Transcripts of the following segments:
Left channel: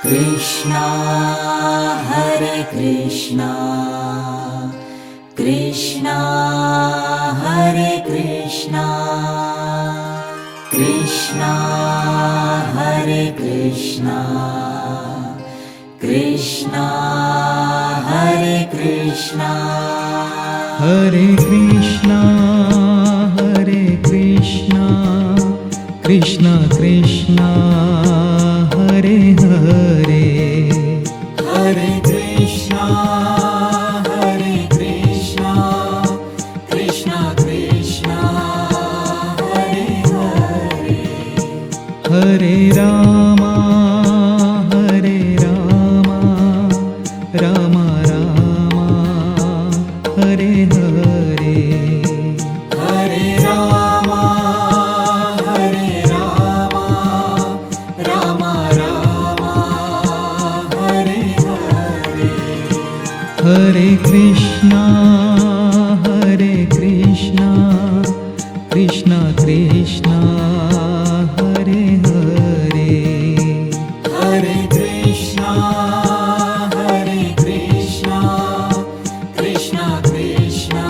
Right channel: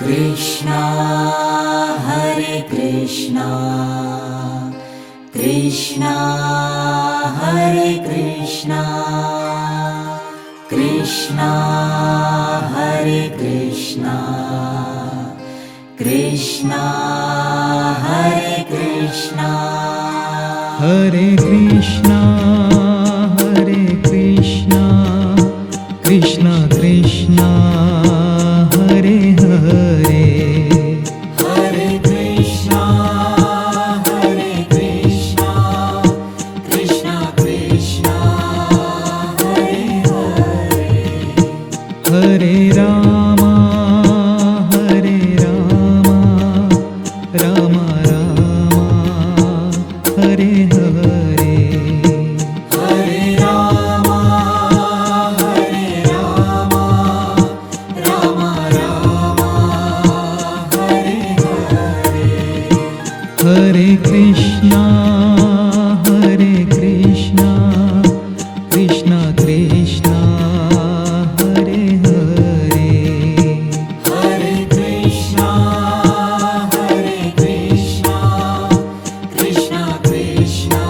Krishna Hare Krishna Krishna Hare Krishna Krishna Hare Krishna Krishna Hare Krishna Hare Krishna Hare Krishna Krishna Krishna Hare Hare Hare Krishna Hare Krishna Krishna Krishna Hare Hare Hare Rama Hare Rama Rama Rama Hare Hare Hare Rama Hare Rama Rama Rama Hare Hare Hare Krishna Hare Krishna Krishna Krishna Hare Hare Hare Krishna Hare Krishna Krishna Krishna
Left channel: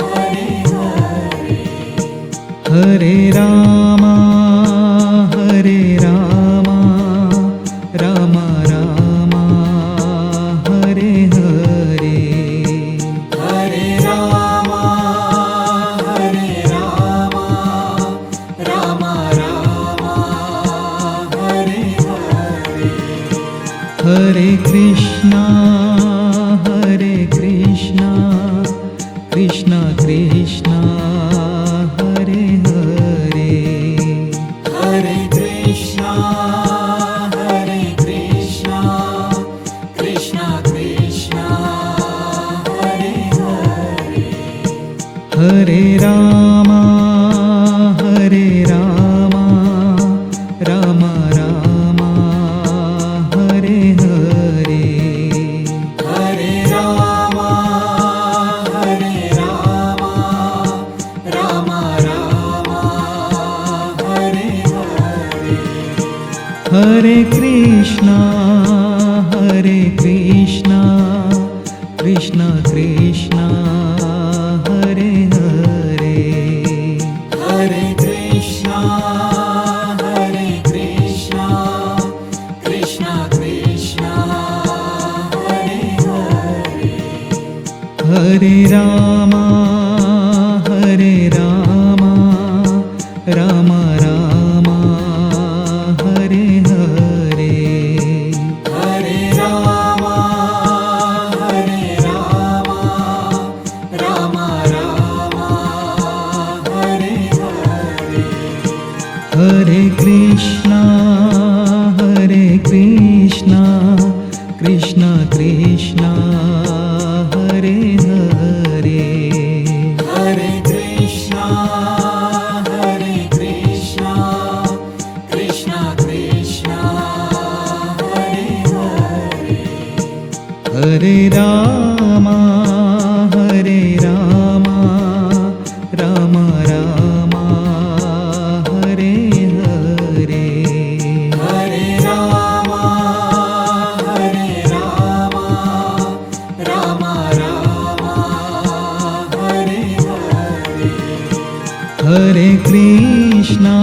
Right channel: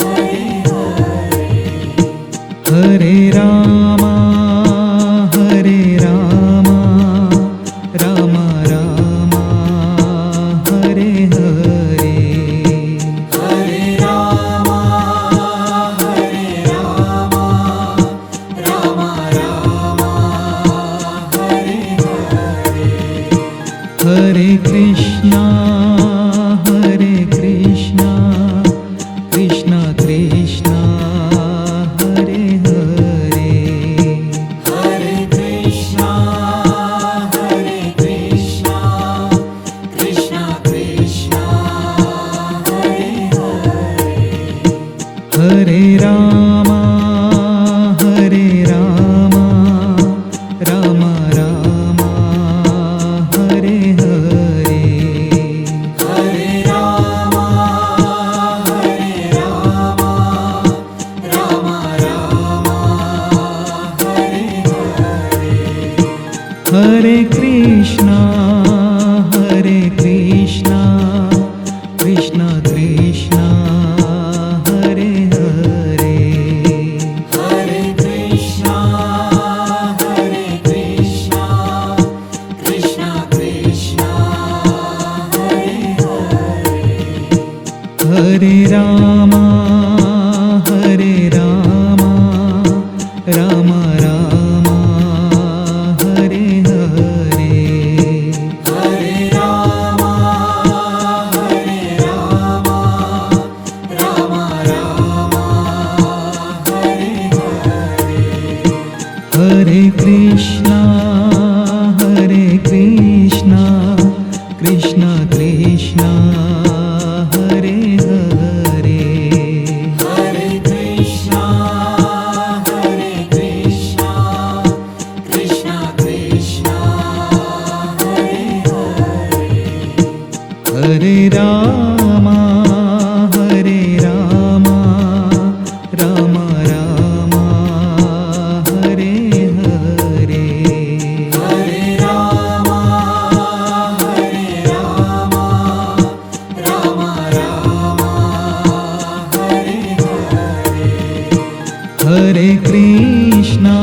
Hare Hare Hare Rama Hare Rama Rama Rama Hare Hare Hare Rama Hare Rama Rama Rama Hare Hare Hare Krishna Hare Krishna Krishna Krishna Hare Hare Hare Krishna Hare Krishna Krishna Krishna Hare Hare Hare Rama Hare Rama Rama Rama Hare Hare Hare Rama Hare Rama Rama Rama Hare Hare Hare Krishna Hare Krishna Krishna Krishna Hare Hare Hare Krishna Hare Krishna Krishna Krishna Hare Hare Hare Rama Hare Rama Rama Rama Hare Hare Hare Rama Hare Rama Rama Rama Hare Hare Hare Krishna Hare Krishna Krishna Krishna Hare Hare Hare Krishna Hare Krishna Krishna Krishna Hare Hare Hare Rama Hare Rama Rama Rama Hare Hare Hare Rama Hare Rama Rama Rama Hare Hare Hare Krishna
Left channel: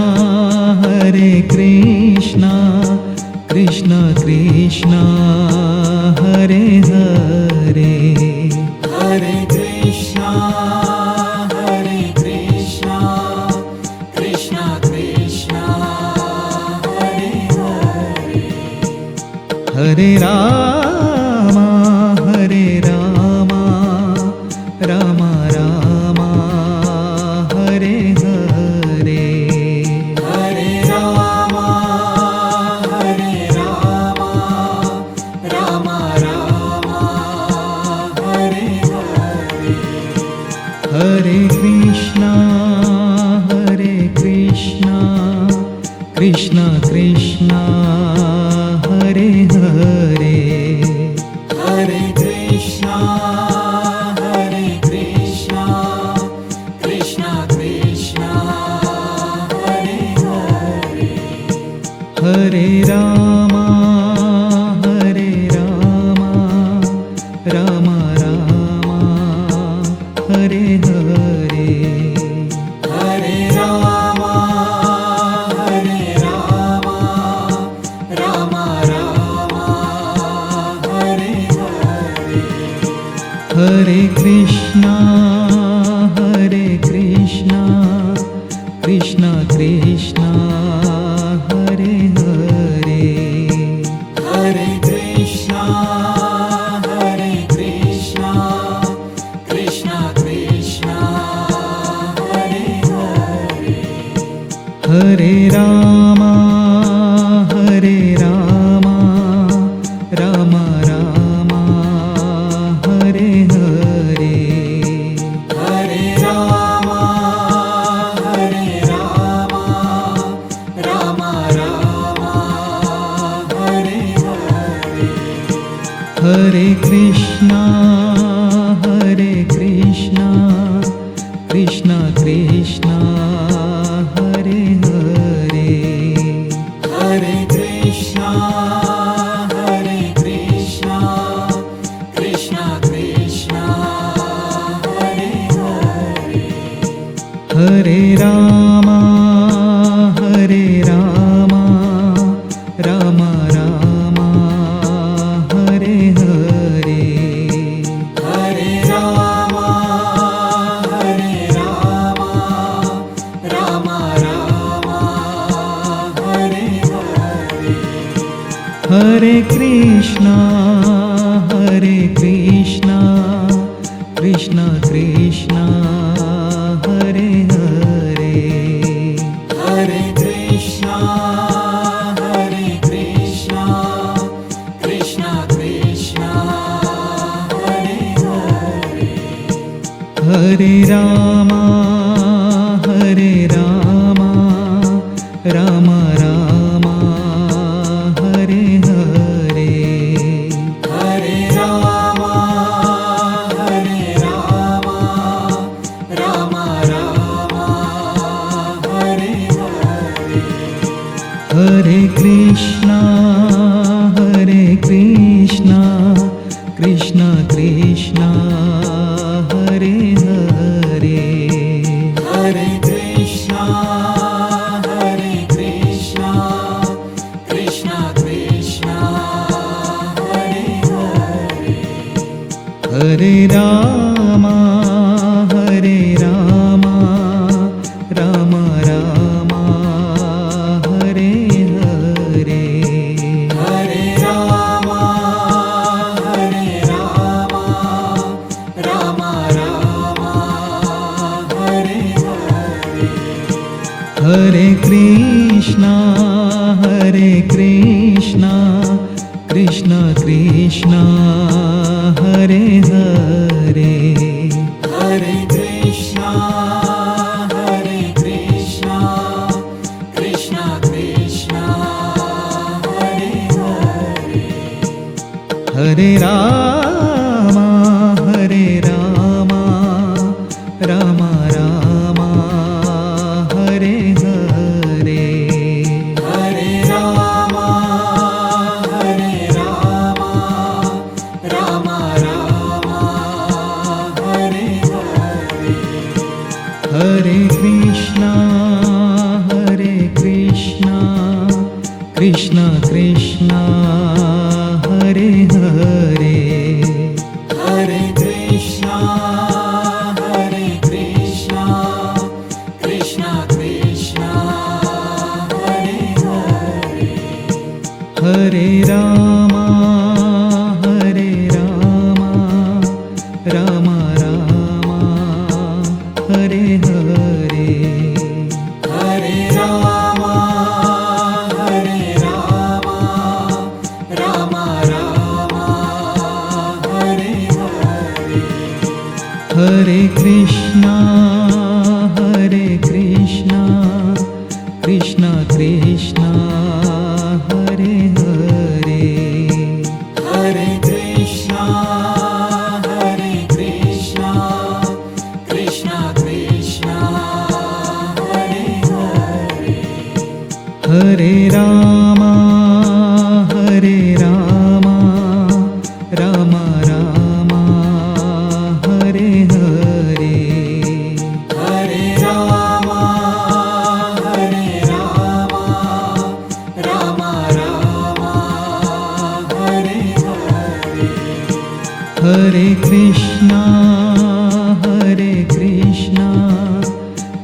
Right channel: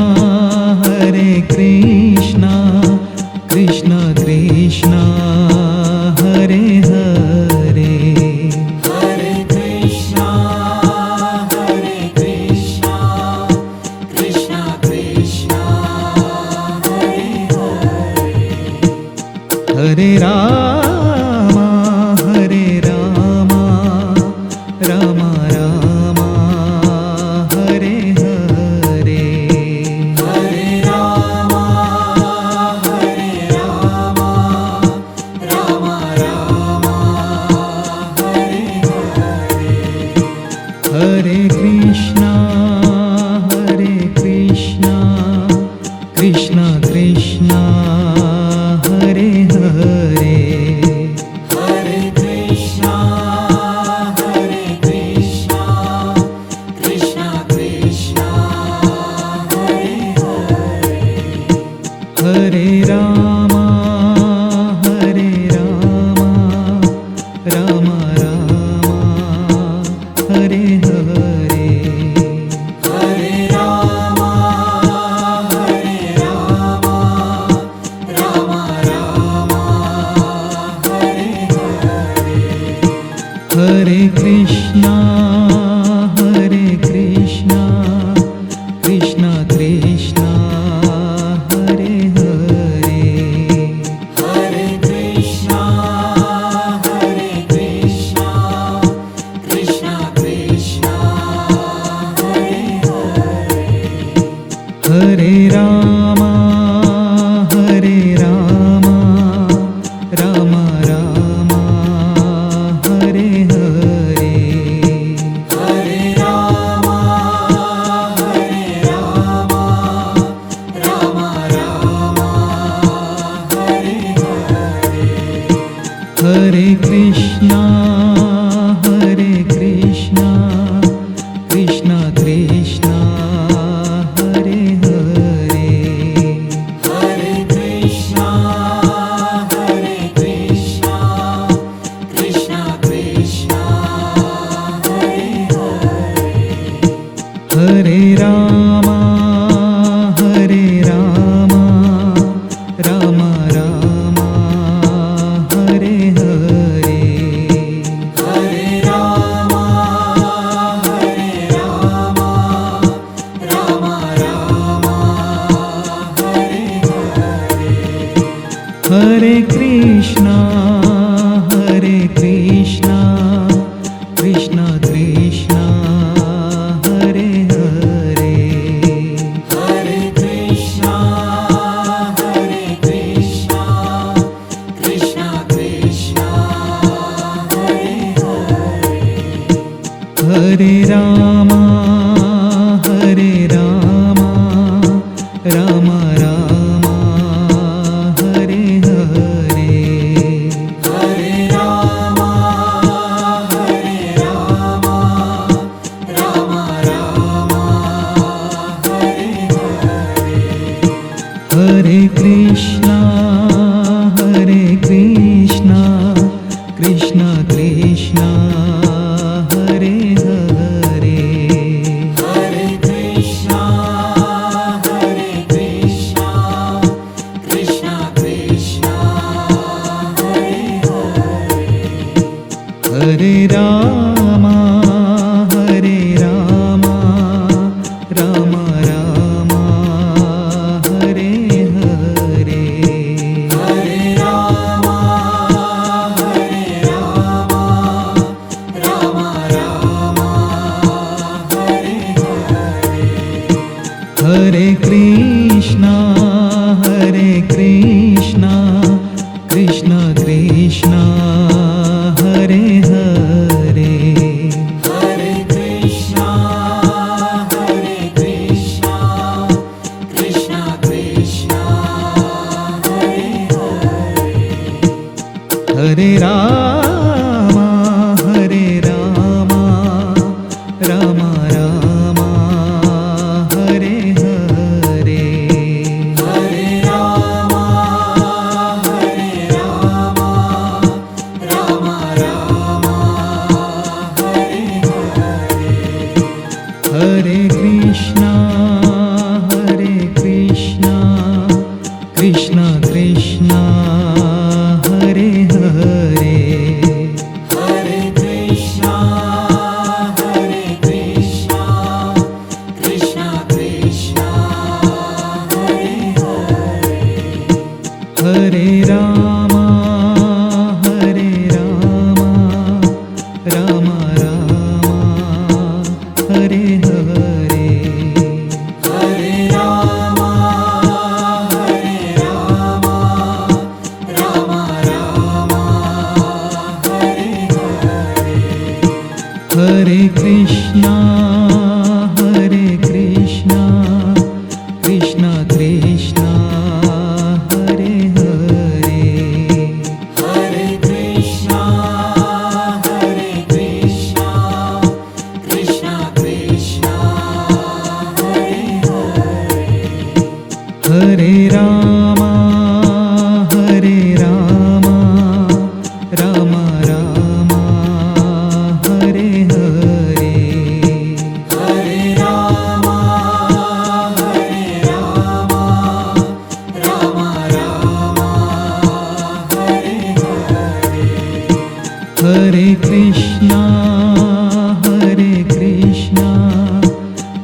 Hare Krishna Krishna Krishna Hare Hare Hare Krishna Hare Krishna Krishna Krishna Hare Hare Hare Rama Hare Rama Rama Rama Hare Hare Hare Rama Hare Rama Rama Rama Hare Hare Hare Krishna Hare Krishna Krishna Krishna Hare Hare Hare Krishna Hare Krishna Krishna Krishna Hare Hare Hare Rama Hare Krishna, Krishna Krishna, Hare Hare, Hare Krishna, Krishna Krishna, Hare Hare, Hare Rama, Rama Rama, Hare Hare, Hare Rama, Rama Rama, Hare Hare, Hare Krishna, Krishna Krishna, Hare Hare, Hare Krishna, Krishna Krishna, Hare Hare, Hare Rama, Rama Rama, Hare Hare, Hare Rama, Rama Rama, Hare Hare, Hare Krishna, Krishna Krishna, Hare Hare, Hare Krishna, Krishna Krishna, Hare Hare, Hare Rama, Rama Rama, Hare Hare, Hare Rama, Rama Rama, Hare Hare, Hare Krishna, Krishna Krishna, Hare Hare, Hare Krishna, Krishna Krishna, Hare Hare, Hare Rama, Rama Rama, Hare Hare, Hare Rama, Rama Rama, Hare Hare, Hare Krishna, Krishna Krishna, Hare Hare, Hare Krishna, Krishna Krishna, Hare Hare, Hare Rama, Rama Rama, Hare Hare, Hare Rama, Rama Rama, Hare Hare, Hare Krishna, Krishna Krishna, Hare Hare, Hare Krishna, Krishna Krishna, Hare Hare, Hare Rama, Rama Rama, Hare Hare, Hare Rama, Rama Rama, Hare Hare, Hare Krishna, Krishna Krishna, Hare Hare, Hare Krishna, Krishna Krishna, Hare Hare, Hare Rama, Rama Rama, Hare Hare, Hare Rama, Rama Rama, Hare Hare, Hare Krishna,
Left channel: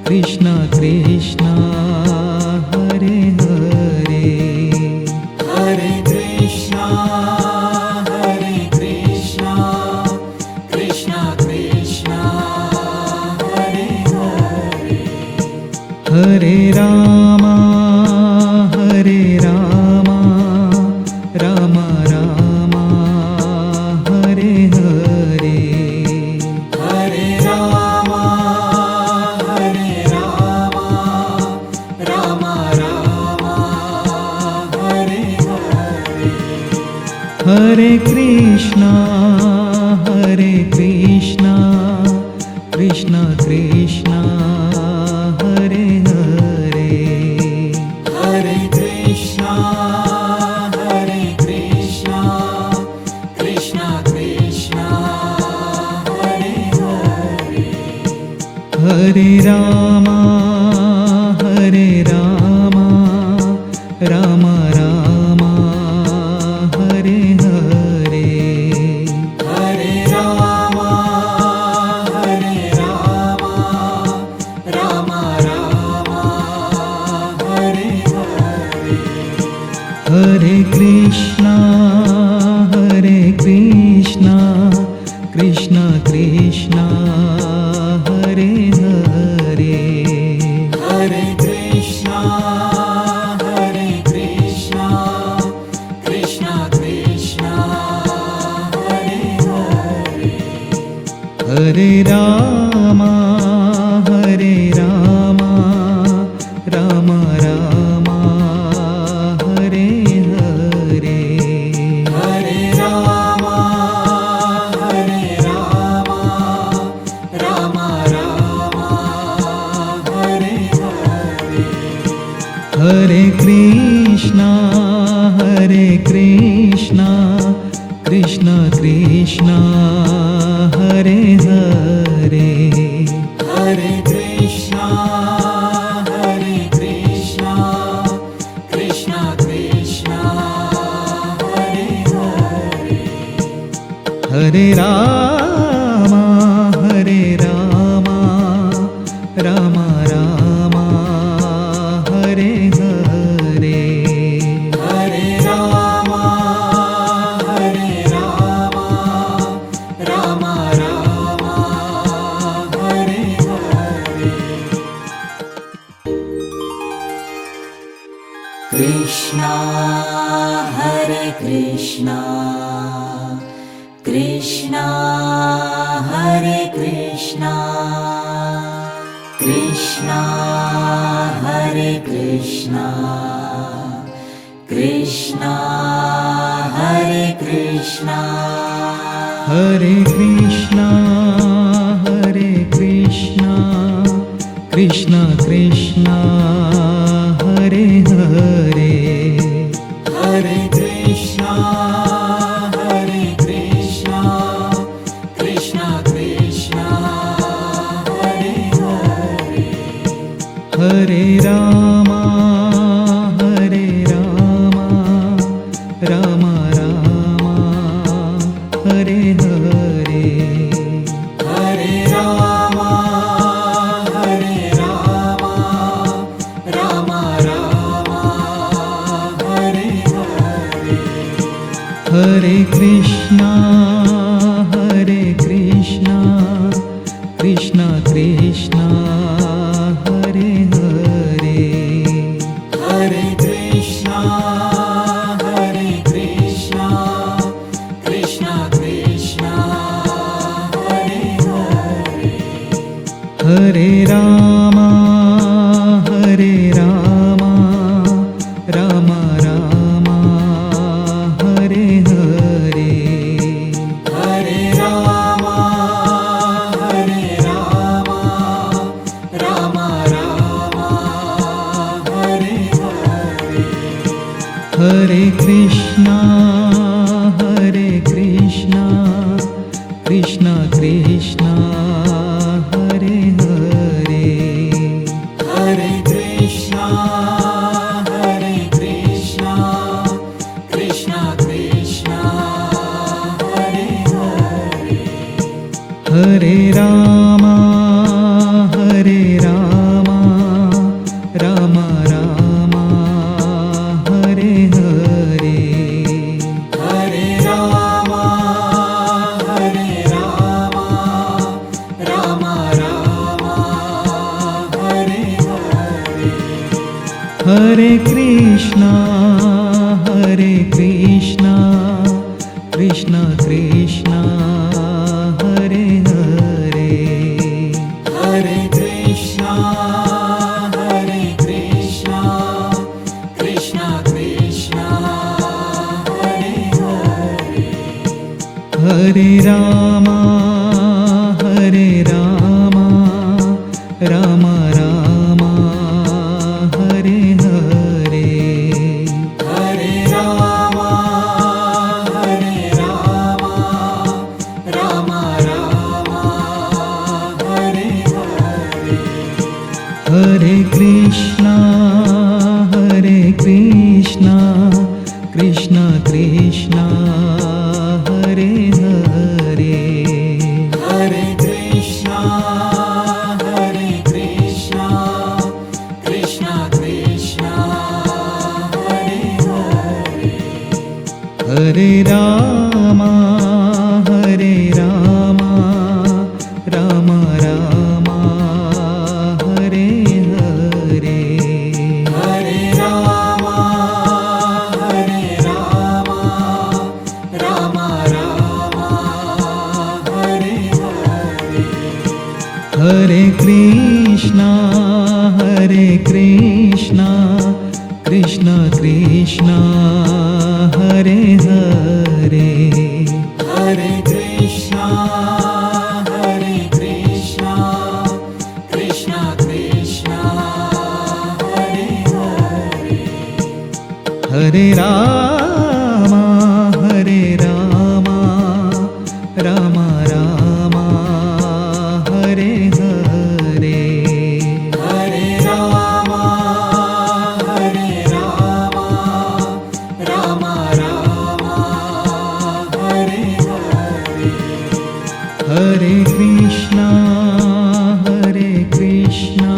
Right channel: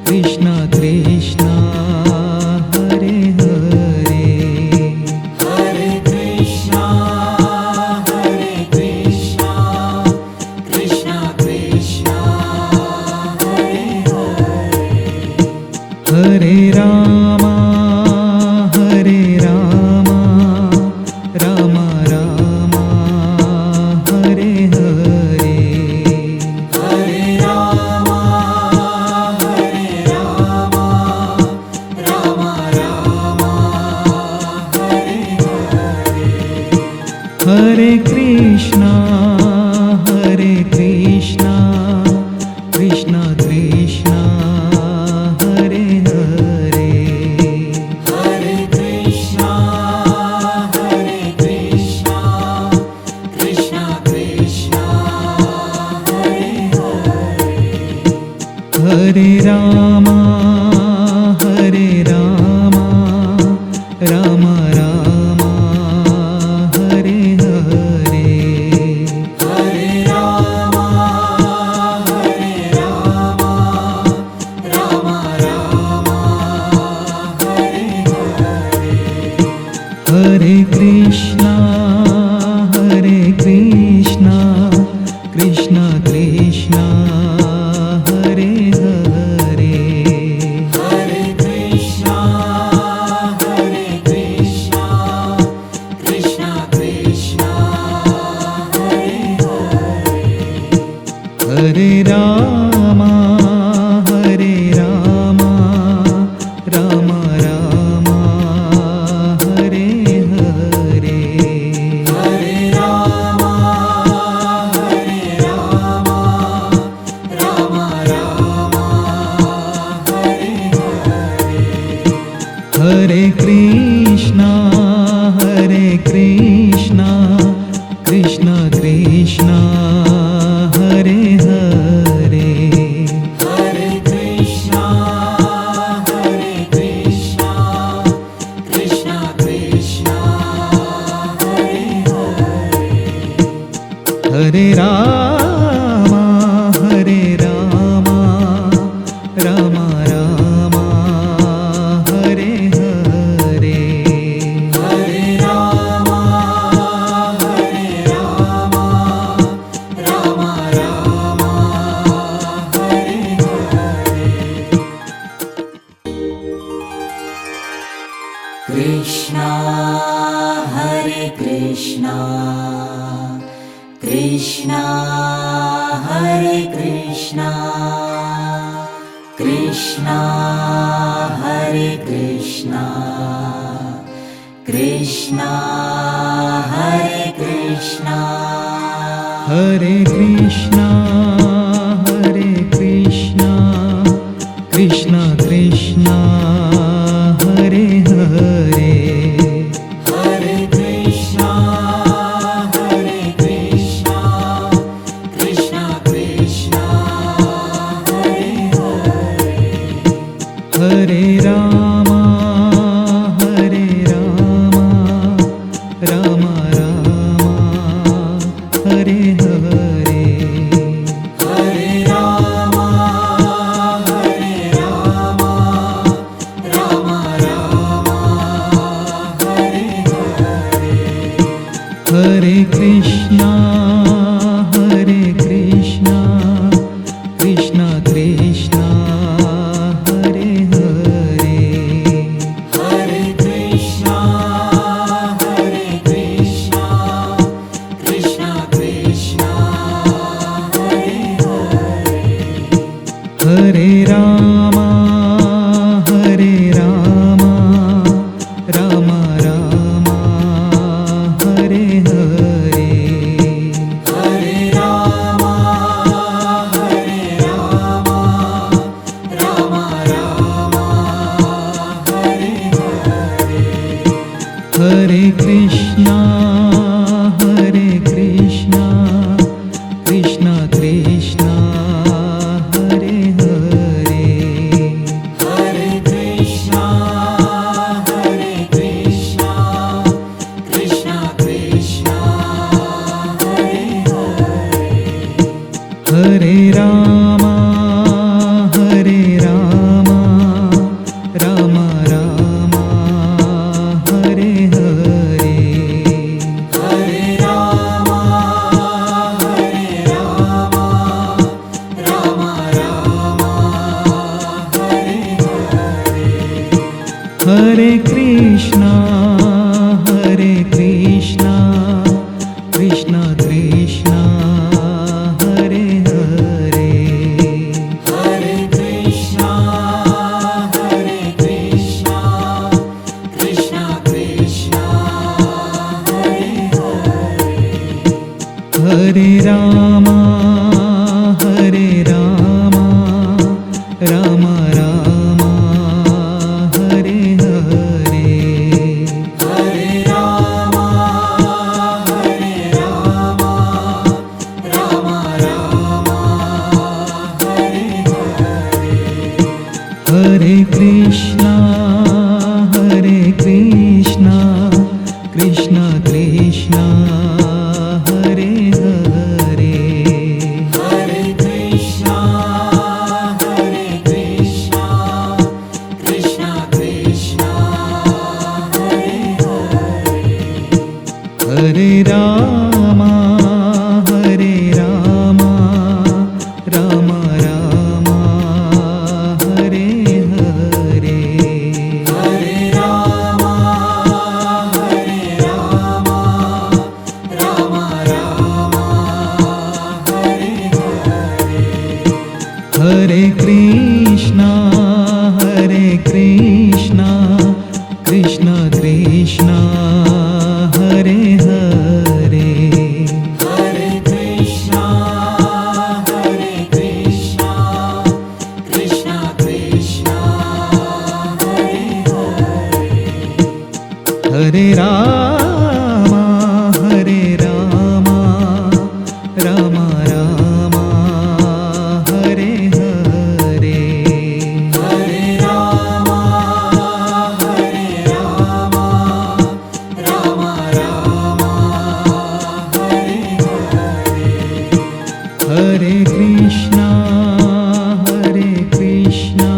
Krishna Krishna, Hare Hare, Hare Krishna, Krishna Krishna, Hare Hare. Hare Rama, Rama Rama, Hare Hare, Hare Rama, Rama Rama, Hare Hare. Hare Krishna, Krishna Krishna, Hare Hare, Hare Krishna, Krishna Krishna, Hare Hare. Hare Rama, Rama Rama, Hare Hare, Hare Rama, Rama Rama, Hare Hare. Hare Krishna, Krishna Krishna, Hare Hare, Hare Krishna, Krishna Krishna, Hare Hare. Hare Rama, Rama Rama, Hare Hare, Hare Rama, Rama Rama, Hare Hare. Hare Krishna, Krishna Krishna, Hare Hare, Hare Krishna, Krishna Krishna, Hare Hare. Hare Rama, Rama Rama, Hare Hare, Hare Rama, Rama Rama, Hare Hare. Krishna, Hare Krishna, Krishna, Hare Krishna, Krishna, Hare Krishna, Krishna, Hare Krishna. Hare Krishna, Krishna Krishna, Hare Hare, Hare Krishna, Krishna Krishna, Hare Hare. Hare Rama, Rama Rama, Hare Hare, Hare Rama, Rama Rama, Hare Hare. Hare Krishna, Krishna Krishna, Hare Hare, Hare Krishna, Krishna Krishna, Hare Hare. Hare Rama, Rama Rama, Hare Hare, Hare Rama, Rama Rama, Hare Hare. Hare Krishna, Krishna Krishna, Hare Hare, Hare Krishna, Krishna Krishna, Hare Hare. Krishna, Hare Krishna, Krishna Krishna, Hare Hare, Hare Krishna, Hare Krishna, Krishna Krishna, Hare Hare, Hare Rama, Hare Rama, Rama Rama, Hare Hare, Hare Rama, Hare Rama, Rama Rama, Hare Hare, Hare Krishna, Hare Krishna, Krishna Krishna, Hare Hare, Hare Krishna, Hare Krishna, Krishna Krishna, Hare Hare, Hare Rama, Hare Rama, Rama Rama, Hare Hare, Hare Rama, Hare Rama, Rama Rama, Hare Hare, Hare Krishna, Hare Krishna, Krishna Krishna, Hare Hare, Hare Krishna, Hare Krishna, Krishna Krishna, Hare Hare, Hare Rama, Hare Rama, Rama Rama, Hare Hare, Hare Rama, Hare Rama, Rama Rama, Hare Hare, Hare Krishna, Hare Krishna,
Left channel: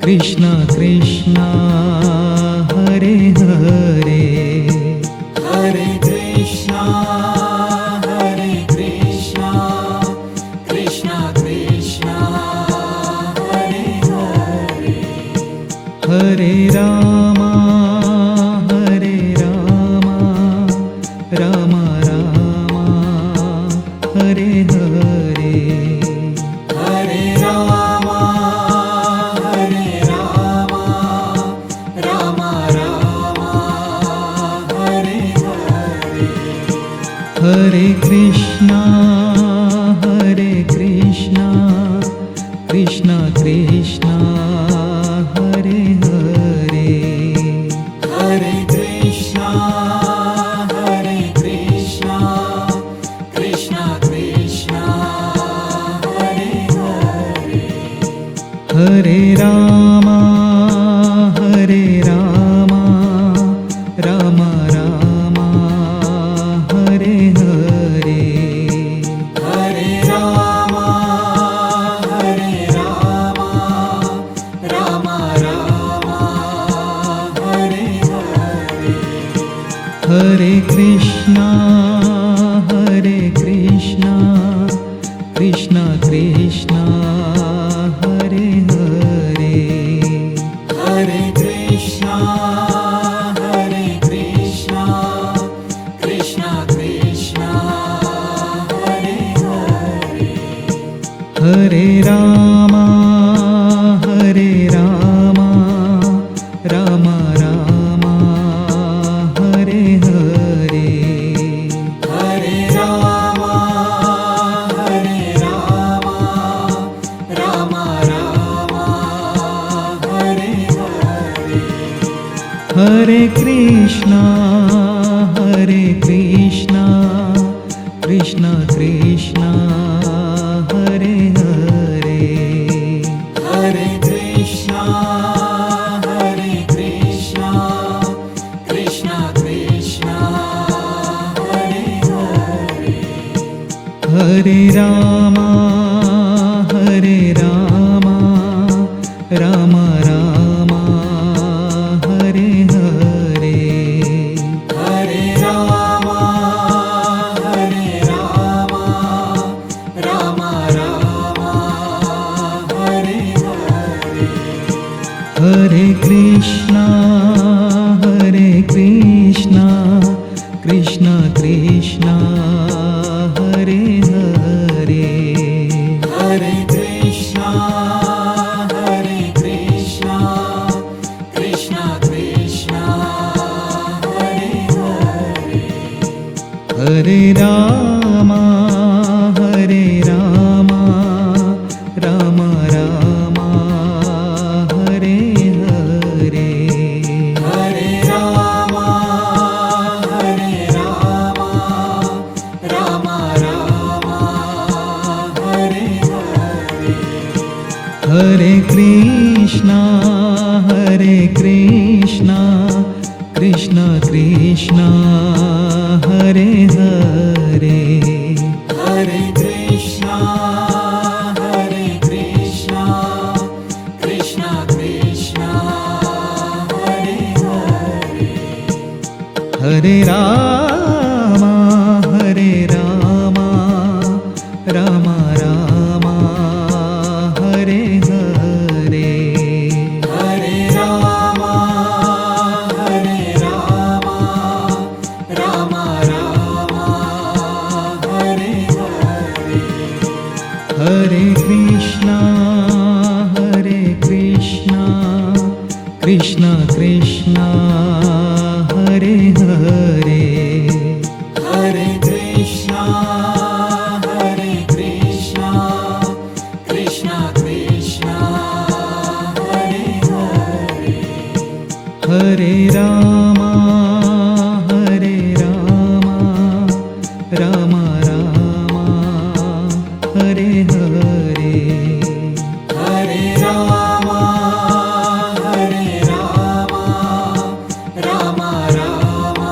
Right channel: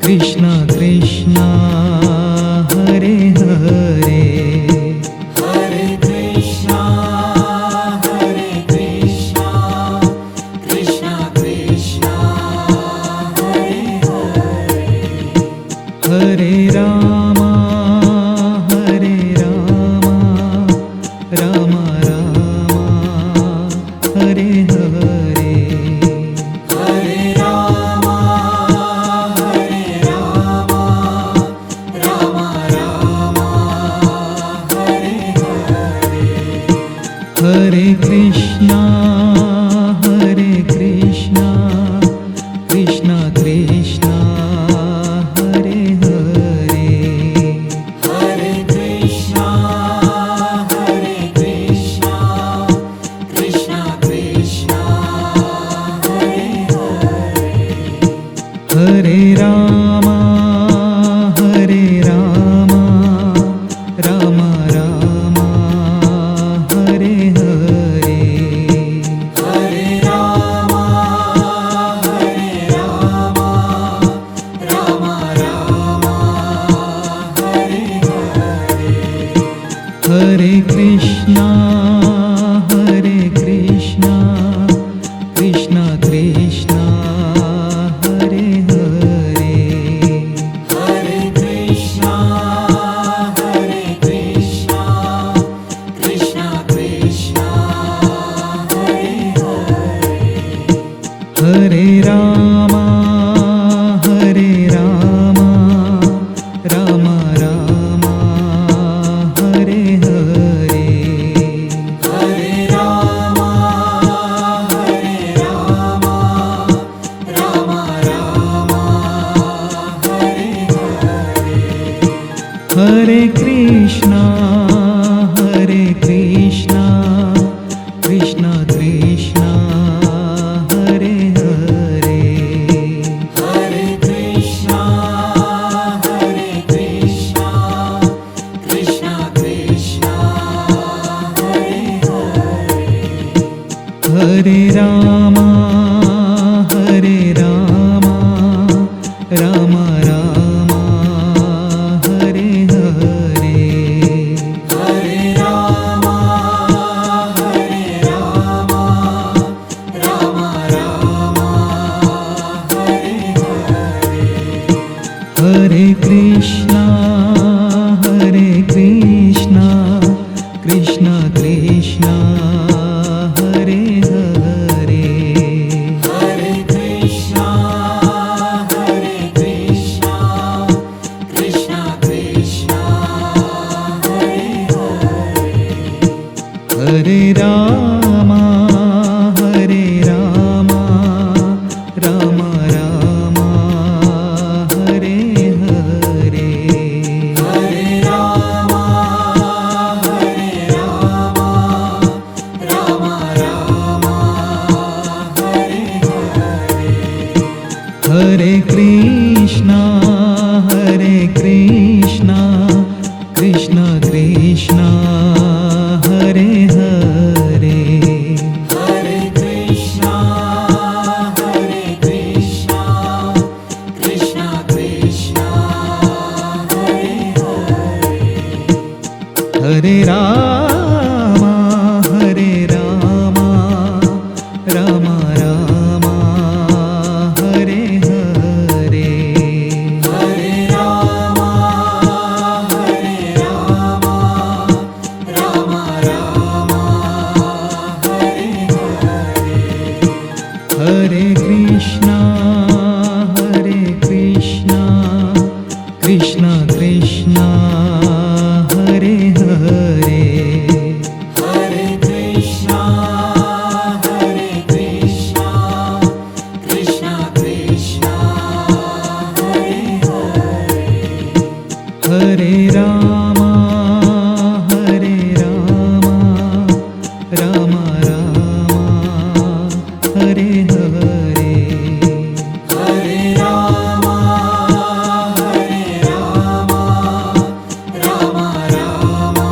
Krishna Krishna, Hare Hare, Hare Krishna, Hare Krishna, Krishna Krishna, Hare Hare, Hare Rama, Hare Rama, Rama Rama, Hare Hare, Hare Rama, Hare Rama, Rama Rama, Hare Hare, Hare Krishna, Hare Krishna, Krishna Krishna, Hare Hare, Hare Krishna, Hare Krishna, Krishna Krishna, Hare Hare, Hare Rama, Hare Rama, Rama Rama, Hare Hare, Hare Rama, Hare Rama, Rama Rama, Hare Hare, Hare Krishna, Hare Krishna, Krishna Krishna, Hare Hare, Hare Krishna, Hare Krishna, Krishna Krishna, Hare Hare, Hare Rama, Hare Rama, Rama Rama, Hare Hare, Hare Rama, Hare Rama, Rama Rama, Hare Hare, Hare Krishna, Hare Krishna, Krishna Krishna, Hare Hare, Hare Krishna, Hare Krishna, Krishna Krishna, Hare Hare, Hare Rama, Hare Rama, Rama Rama, Hare Hare, Hare Rama, Hare Rama, Rama Rama, Hare Hare, Hare Krishna, Krishna Krishna Krishna Hare Hare Hare Krishna, Krishna Krishna, Hare Hare. Hare Rama Ram Ram Hare Hare Hare Rama, Rama Rama, Hare Hare. Hare Krishna Krishna Krishna Hare Hare Hare Krishna, Krishna Krishna, Hare Hare. Hare Ram Ram Hare Hare Hare Rama, Rama Rama, Hare Hare. Hare Krishna Krishna Krishna Hare Hare Hare Krishna, Krishna Krishna, Hare Hare. Hare Ram Ram Hare Hare Hare Rama, Rama Rama,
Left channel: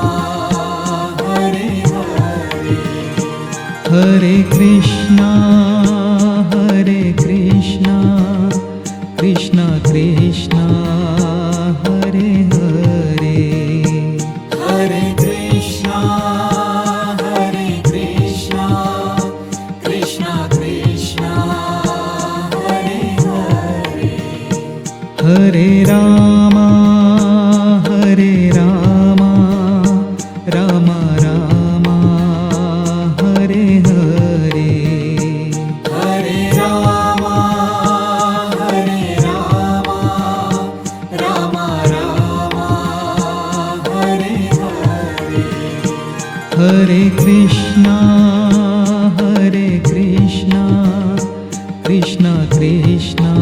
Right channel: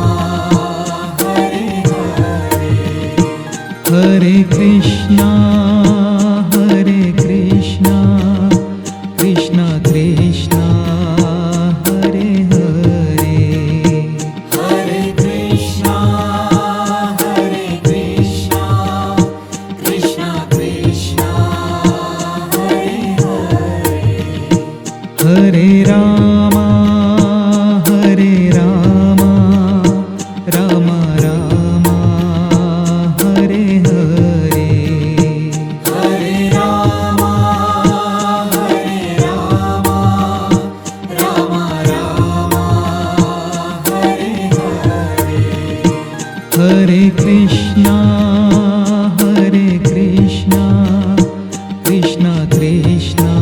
Hare Hare. Hare Krishna Krishna Krishna Hare Hare Hare Krishna, Krishna Krishna, Hare Hare. Hare Ram Ram Hare Hare Hare Rama, Rama Rama, Hare Hare. Hare Krishna Krishna Krishna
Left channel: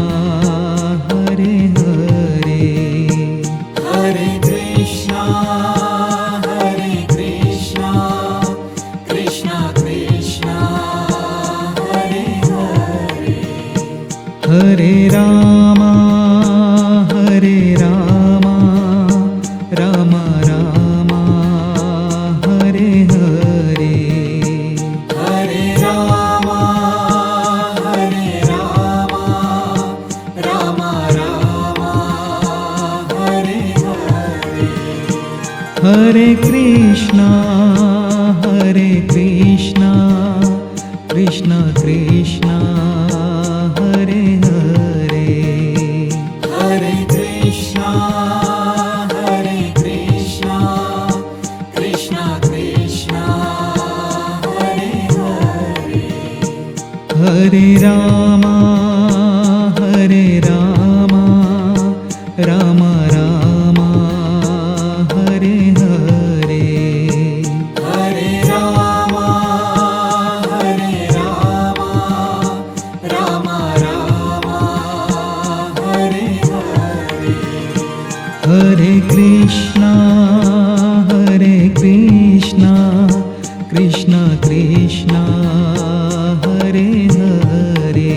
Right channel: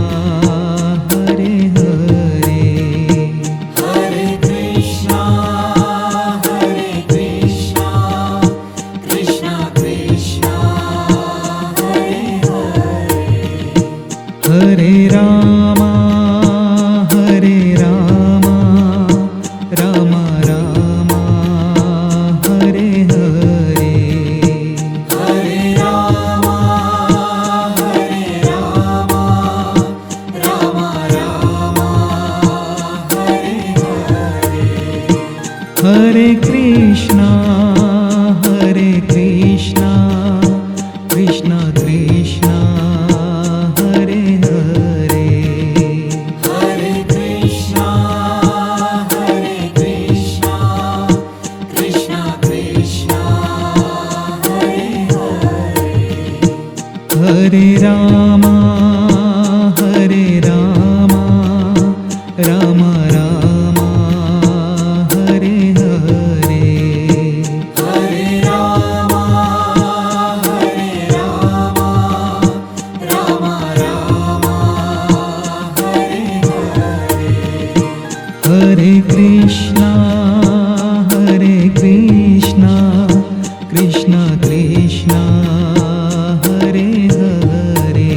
Hare Hare Hare Krishna, Krishna Krishna, Hare Hare. Hare Ram Ram Hare Hare Hare Rama, Rama Rama, Hare Hare. Hare Krishna Krishna Krishna Hare Hare Hare Krishna, Krishna Krishna, Hare Hare. Hare Ram Ram Hare Hare Hare Rama, Rama Rama, Hare Hare. Hare Krishna Krishna Krishna Hare Hare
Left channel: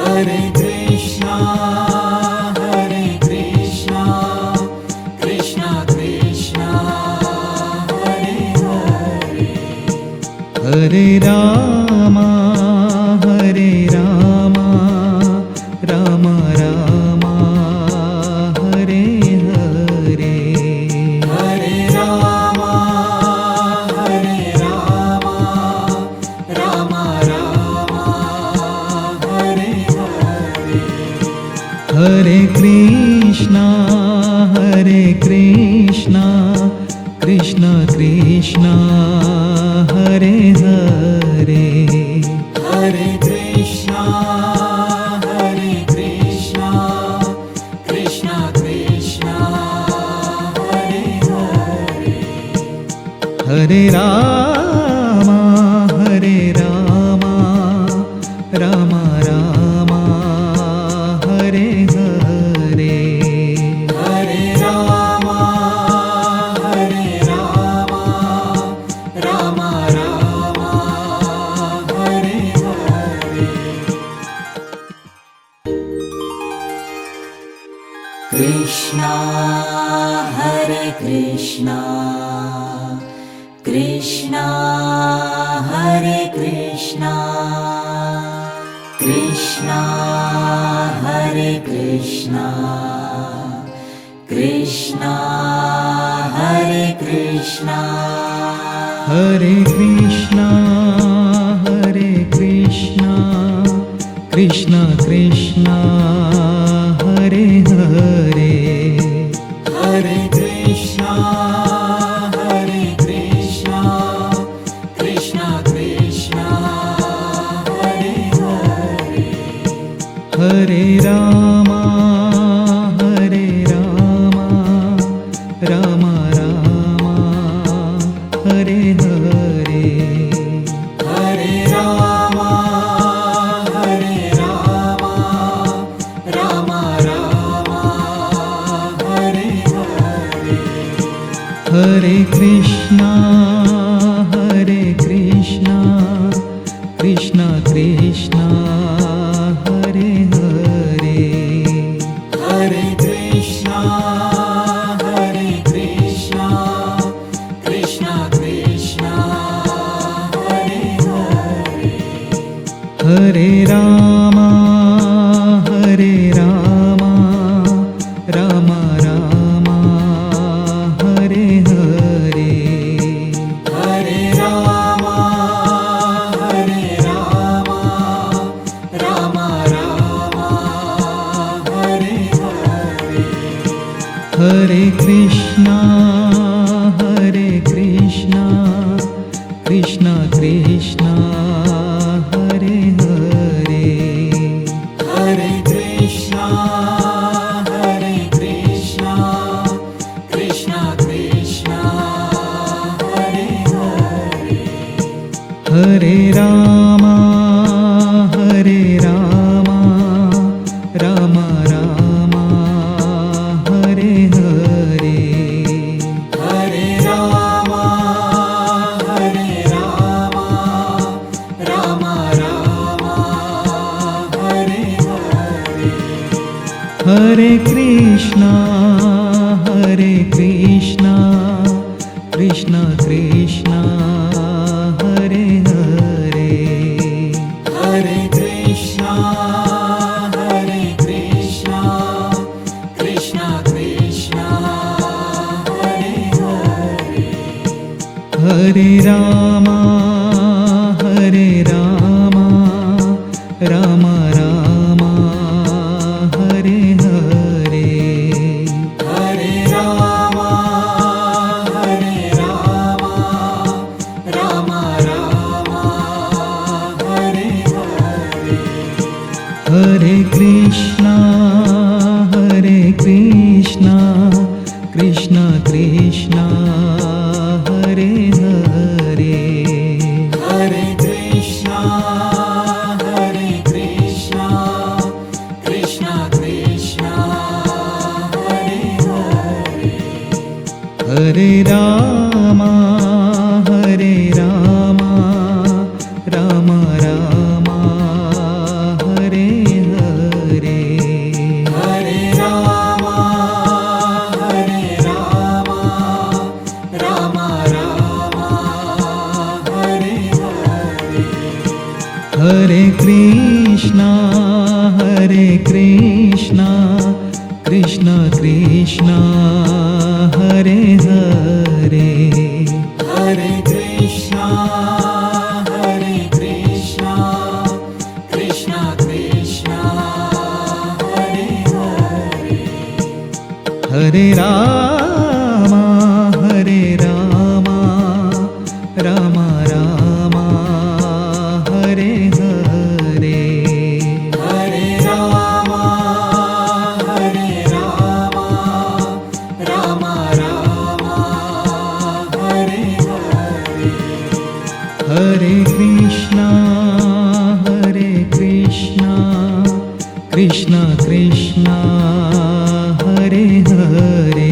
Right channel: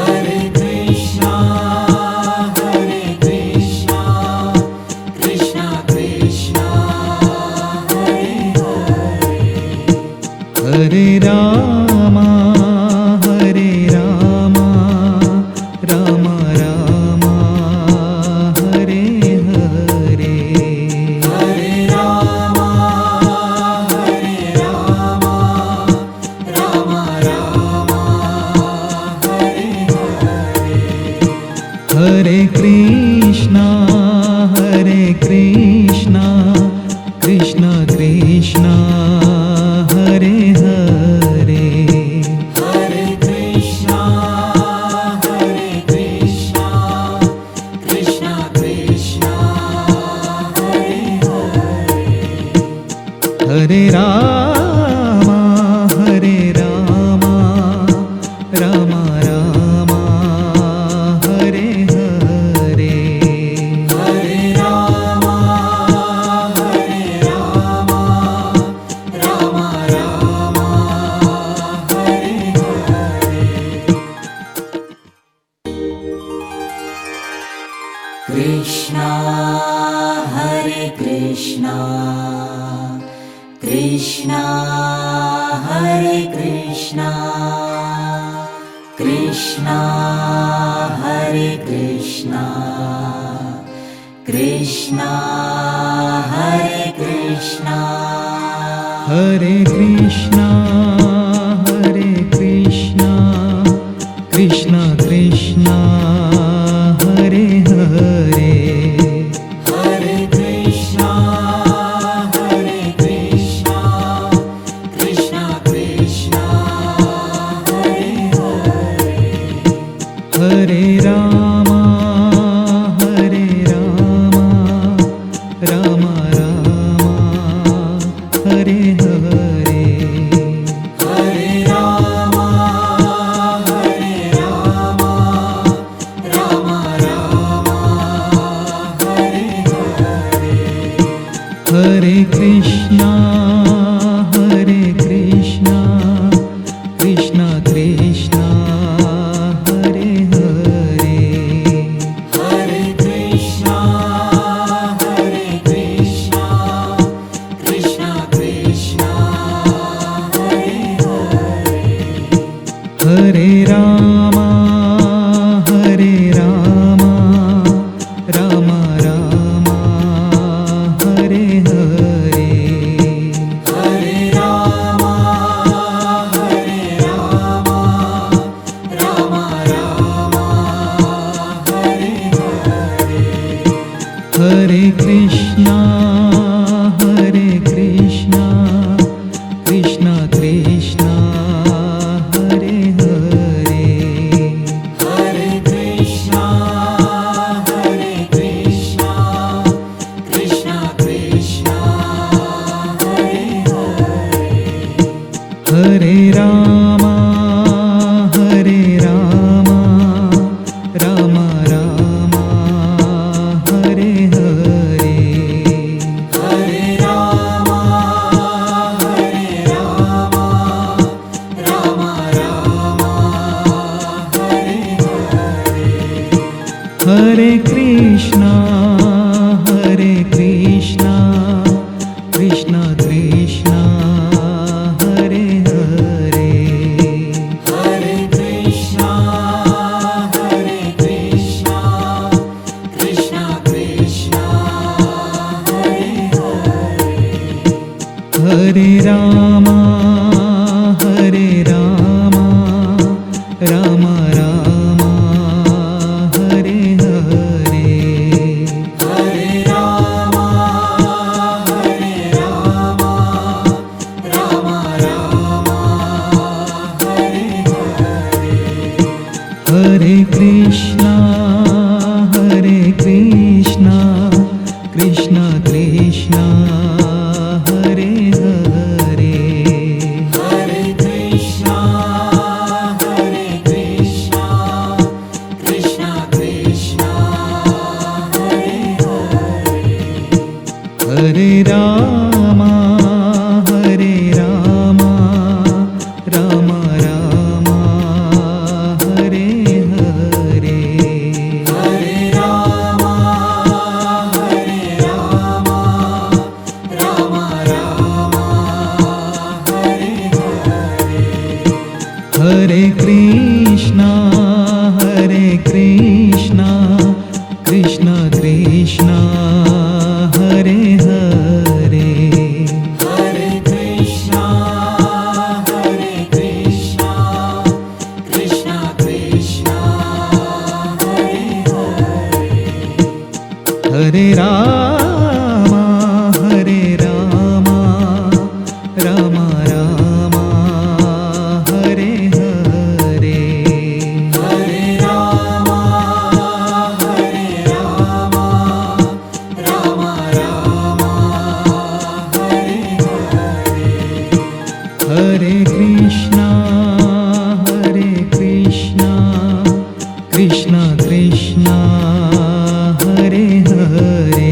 Hare Krishna, Krishna Krishna, Hare Hare. Hare Ram Ram Hare Hare Hare Rama, Rama Rama, Hare Hare. Hare Krishna Krishna Krishna Krishna Hare Hare Hare Krishna, Krishna Krishna, Hare Hare. Hare Rama Hare Rama Rama Rama Hare Hare Hare Rama, Rama Rama, Hare Hare. Krishna, Hare Krishna, Krishna, Hare Krishna, Krishna, Hare Krishna, Krishna, Hare Krishna. Hare Krishna Hare Krishna Krishna Krishna Hare Hare Hare Krishna, Krishna Krishna, Hare Hare. Hare Rama Hare Rama Rama Rama Hare Hare Hare Rama, Rama Rama, Hare Hare. Hare Krishna Krishna Krishna Hare Hare Hare Krishna, Krishna Krishna, Hare Hare. Hare Rama Rama Rama Hare Hare Hare Rama, Rama Rama, Hare Hare. Hare Krishna Krishna Krishna Hare Hare Hare Krishna, Krishna Krishna, Hare Hare. Hare Rama Rama Rama Hare Hare Hare Rama, Rama Rama, Hare Hare. Hare Krishna Krishna Krishna Hare Hare Hare Krishna, Krishna Krishna, Hare Hare. Hare Rama Rama Rama Hare Hare Hare Rama, Rama Rama, Hare Hare. Hare Krishna Krishna Krishna Hare Hare Hare Krishna, Krishna Krishna, Hare Hare. Hare Rama Rama Rama Hare Hare Hare Rama, Rama Rama, Hare Hare. Hare Krishna Krishna Krishna Hare Hare Hare Krishna, Krishna Krishna, Hare Hare. Hare Rama Hare Krishna, Krishna Krishna, Hare Hare,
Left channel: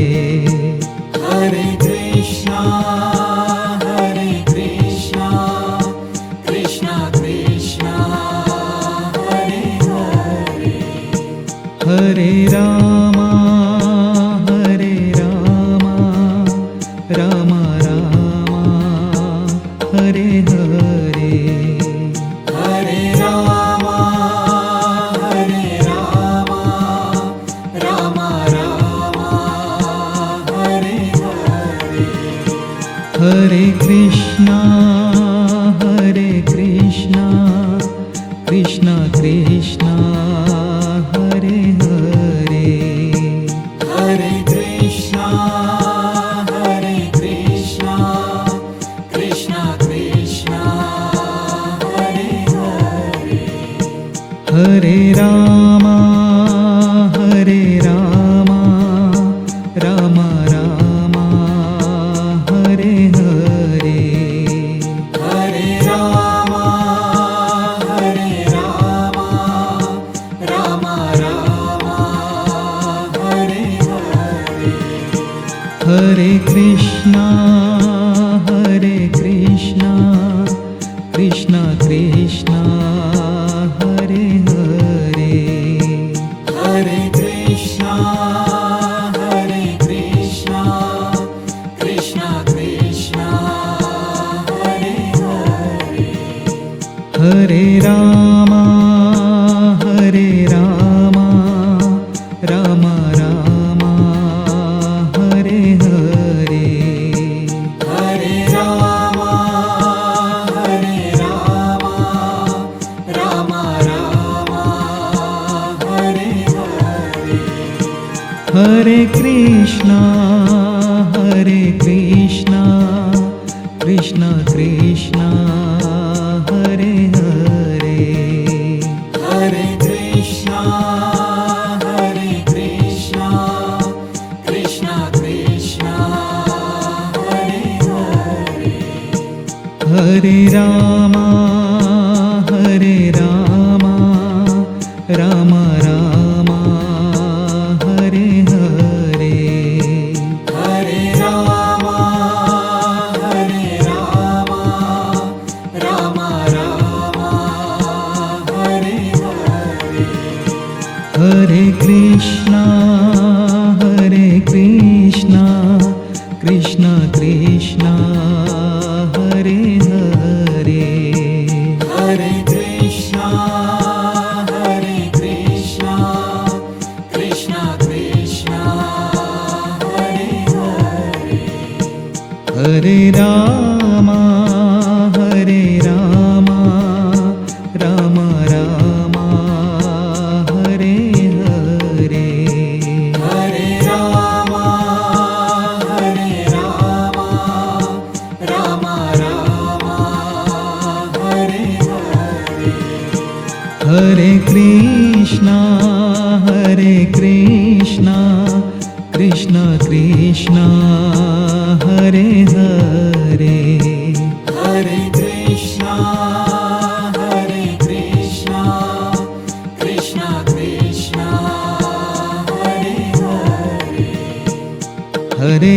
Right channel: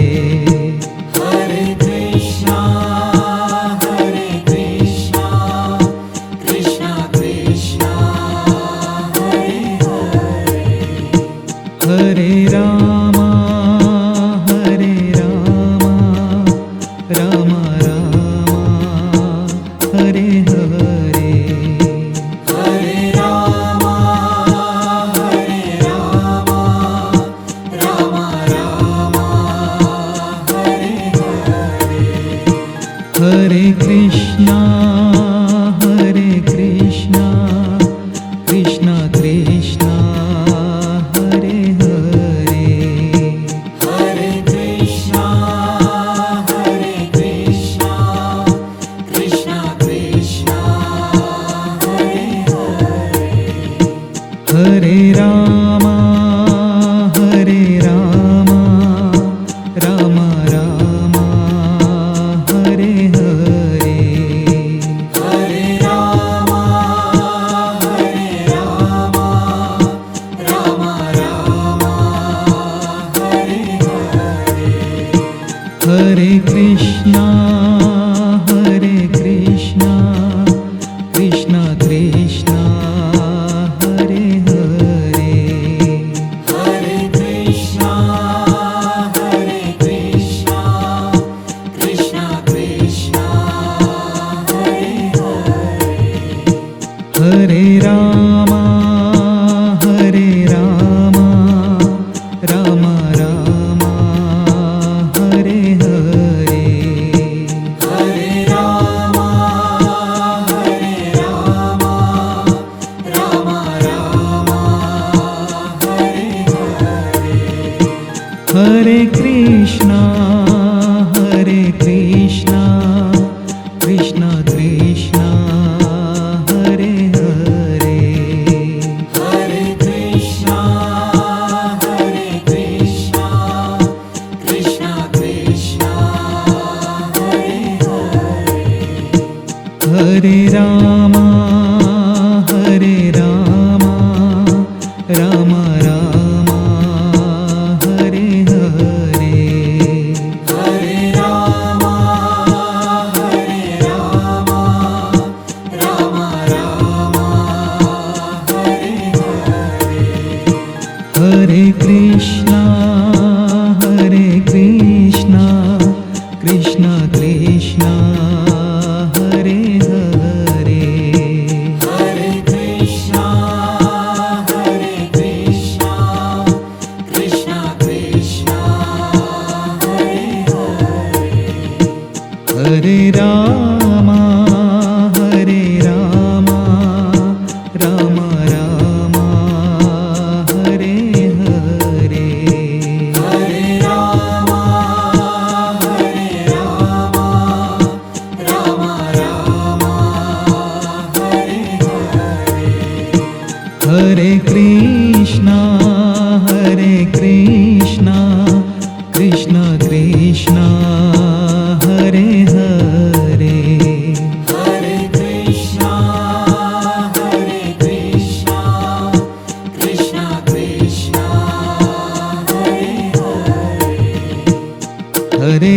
Hare Krishna, Krishna Krishna, Hare Hare, Hare Rama, Rama Rama, Hare Hare, Hare Rama, Rama Rama, Hare Hare, Hare Krishna, Krishna Krishna, Hare Hare, Hare Krishna, Krishna Krishna, Hare Hare, Hare Rama, Rama Rama, Hare Hare, Hare Rama, Rama Rama, Hare Hare, Hare Krishna, Krishna Krishna, Hare Hare, Hare Krishna, Krishna Krishna, Hare Hare, Hare Rama, Rama Rama, Hare Hare, Hare Rama, Rama Rama, Hare Hare, Hare Krishna, Krishna Krishna, Hare Hare, Hare Krishna, Krishna Krishna, Hare Hare, Hare Rama, Rama Rama, Hare Hare, Hare Rama, Rama Rama, Hare Hare, Hare Krishna, Krishna Krishna, Hare Hare, Hare Krishna, Krishna Krishna, Hare Hare, Hare Rama, Rama Rama, Hare Hare, Hare Rama, Rama Rama, Hare Hare, Hare Krishna, Krishna Krishna, Hare Hare, Hare Krishna, Krishna Krishna, Hare Hare, Hare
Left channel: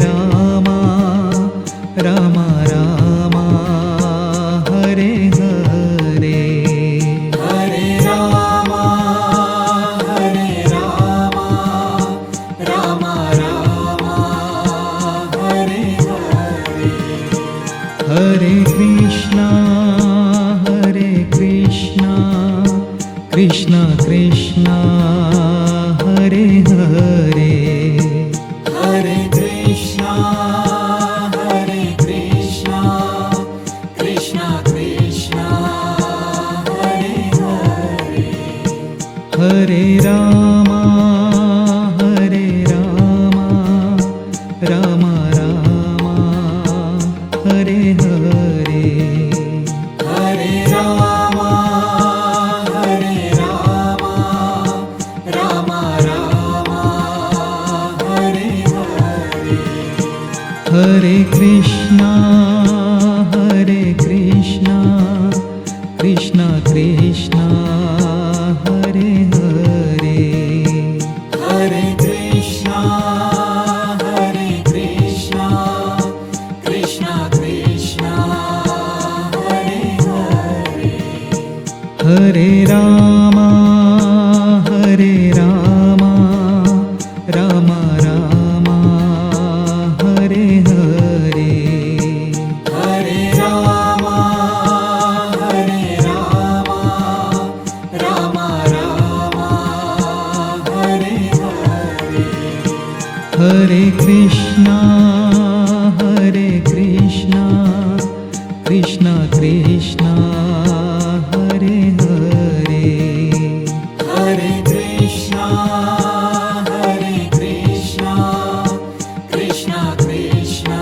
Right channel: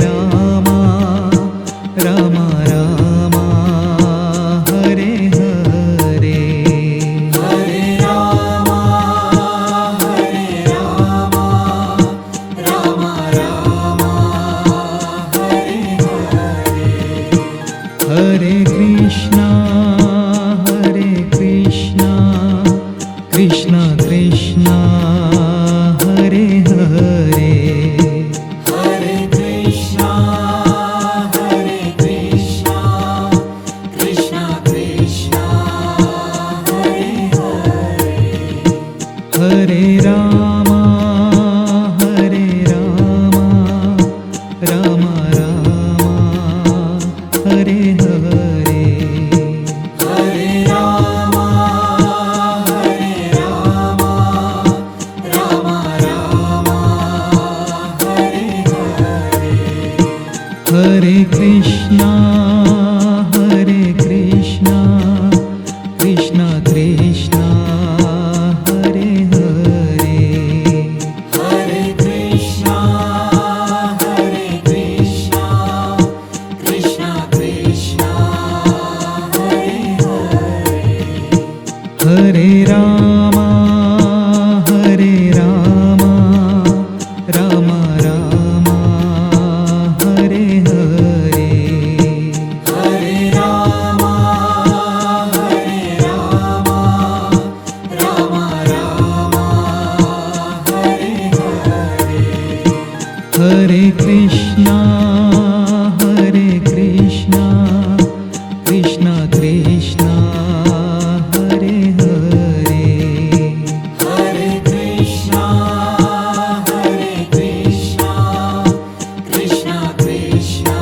Rama, Rama Rama, Hare Hare, Hare Rama, Rama Rama, Hare Hare, Hare Krishna, Krishna Krishna, Hare Hare, Hare Krishna, Krishna Krishna, Hare Hare, Hare Rama, Rama Rama, Hare Hare, Hare Rama, Rama Rama, Hare Hare Krishna, Krishna Krishna, Hare Hare, Hare Krishna, Krishna Krishna, Hare Hare. Hare Rama, Rama Rama, Hare Hare, Hare Rama, Rama Rama, Hare Hare. Hare Krishna, Krishna Krishna, Hare Hare, Hare Krishna, Krishna Krishna,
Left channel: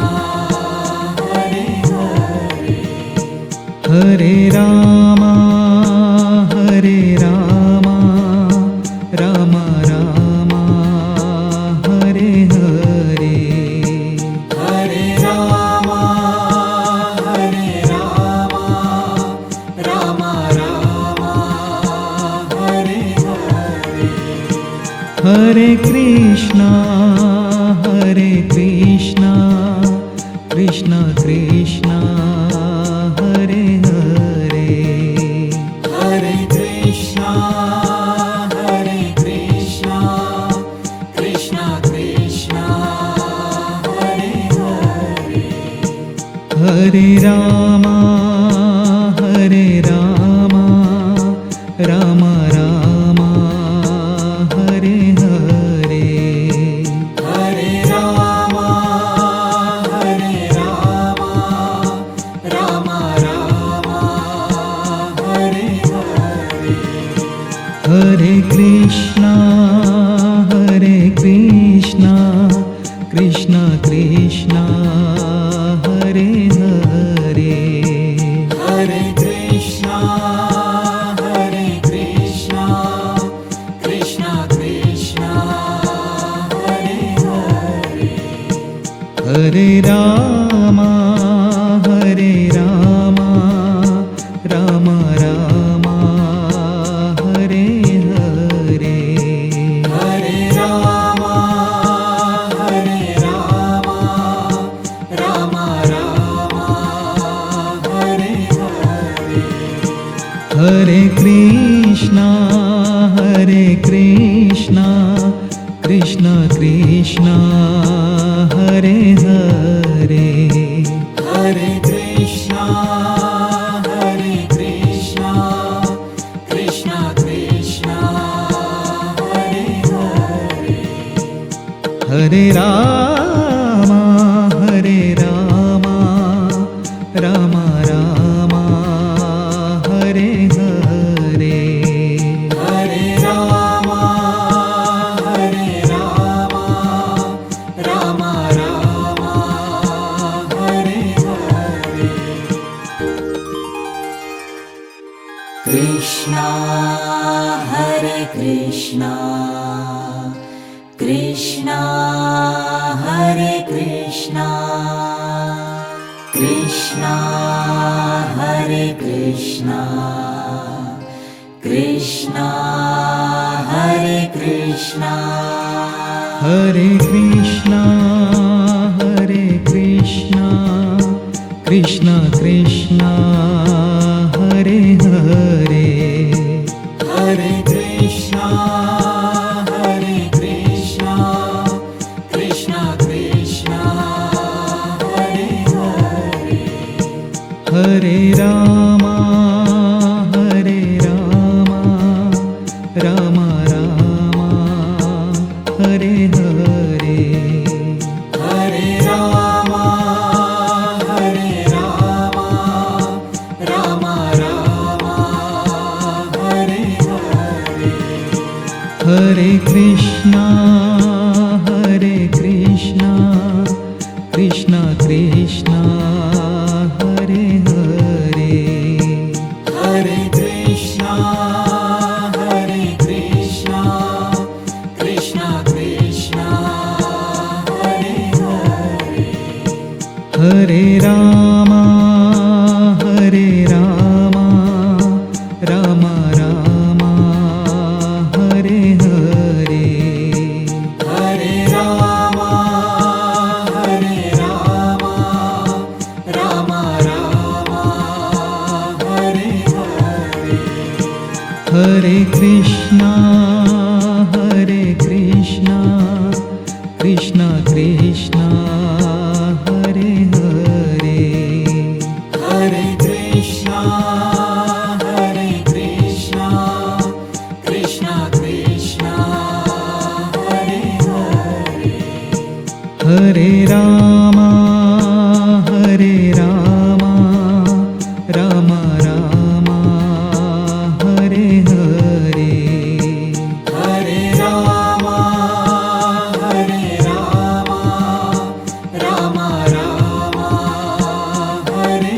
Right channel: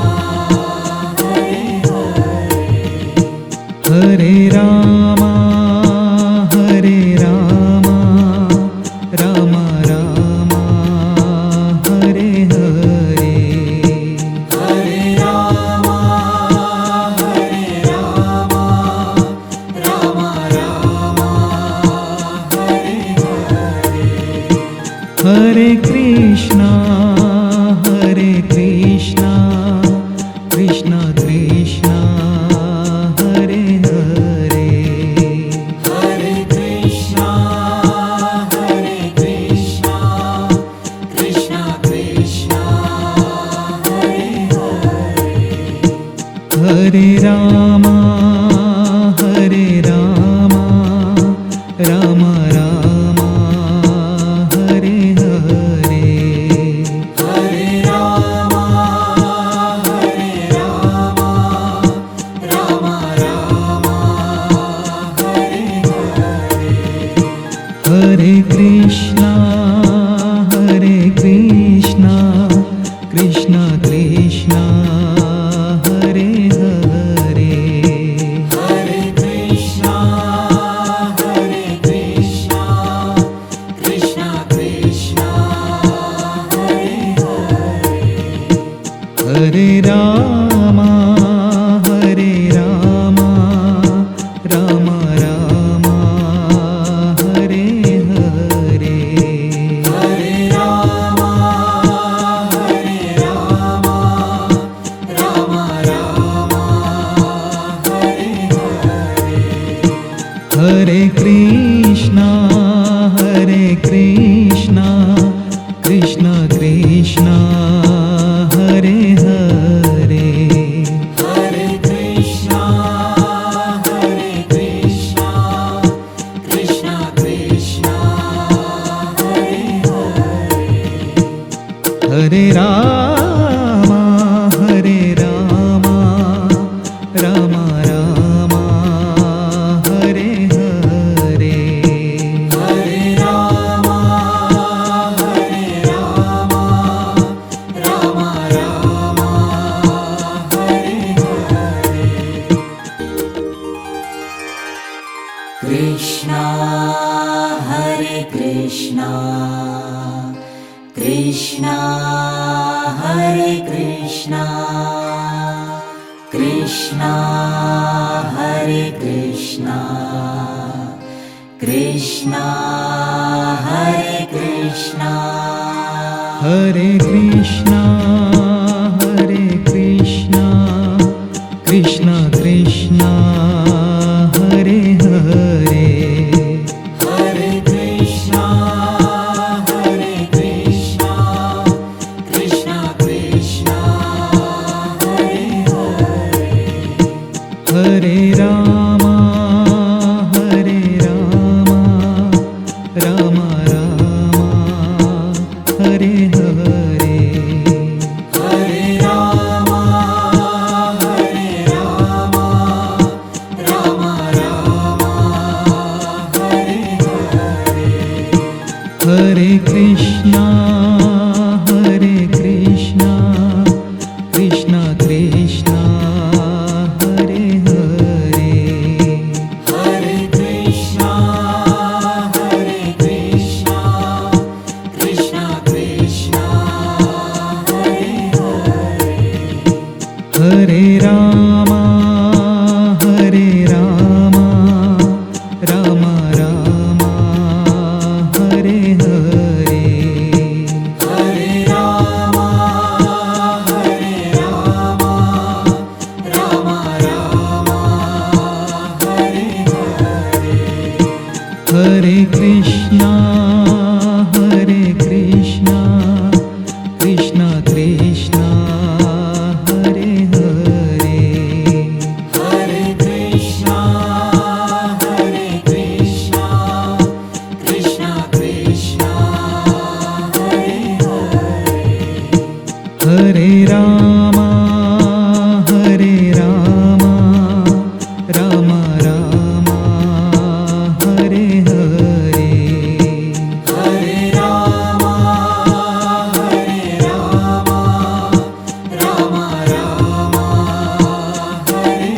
Hare Hare. Hare Rama, Rama Rama, Hare Hare, Hare Rama, Rama Rama, Hare Hare. Hare Krishna, Krishna Krishna, Hare Hare, Hare Krishna, Krishna Krishna, Hare Hare. Hare Rama, Rama Rama, Hare Hare, Hare Rama, Rama Rama, Hare Hare. Hare Krishna, Krishna Krishna, Hare Hare, Hare Krishna, Krishna Krishna, Hare Hare. Hare Rama, Rama Rama, Hare Hare, Hare Rama, Rama Rama, Hare Hare. Hare Krishna, Krishna Krishna, Hare Hare, Hare Krishna, Krishna Krishna, Hare Hare. Hare Rama, Rama Rama, Hare Hare, Hare Rama, Rama Rama, Hare Hare. Krishna, Hare Krishna, Krishna Hare Krishna, Krishna Hare Krishna, Krishna Hare Krishna. Hare Krishna, Krishna Krishna, Hare Hare, Hare Krishna, Krishna Krishna, Hare Hare. Hare Rama, Rama Rama, Hare Hare, Hare Rama, Rama Rama, Hare Hare. Hare Krishna, Krishna Krishna, Hare Hare, Hare Krishna, Krishna Krishna, Hare Hare. Hare Rama Hare Rama Rama Rama Hare Hare Hare Rama Hare Rama Rama Rama Hare Hare Krishna Krishna Krishna Hare Hare Hare Krishna Hare Krishna Krishna Krishna Hare Hare Rama Rama Rama Hare Hare Hare Rama Hare Rama Rama Rama Hare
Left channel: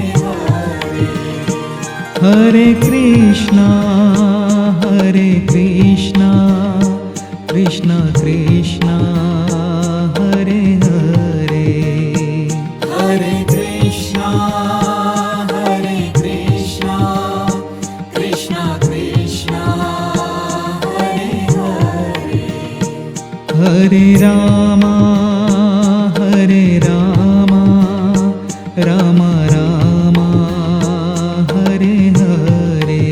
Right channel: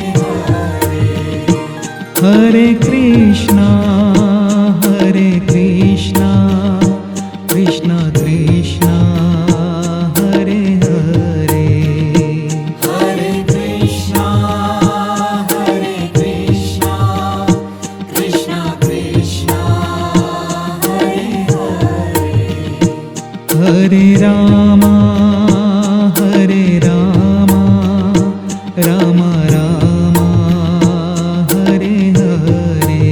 Hare Krishna Krishna Krishna Hare Hare Hare Krishna Hare Krishna Krishna Krishna Hare Hare Rama Rama Rama Hare Hare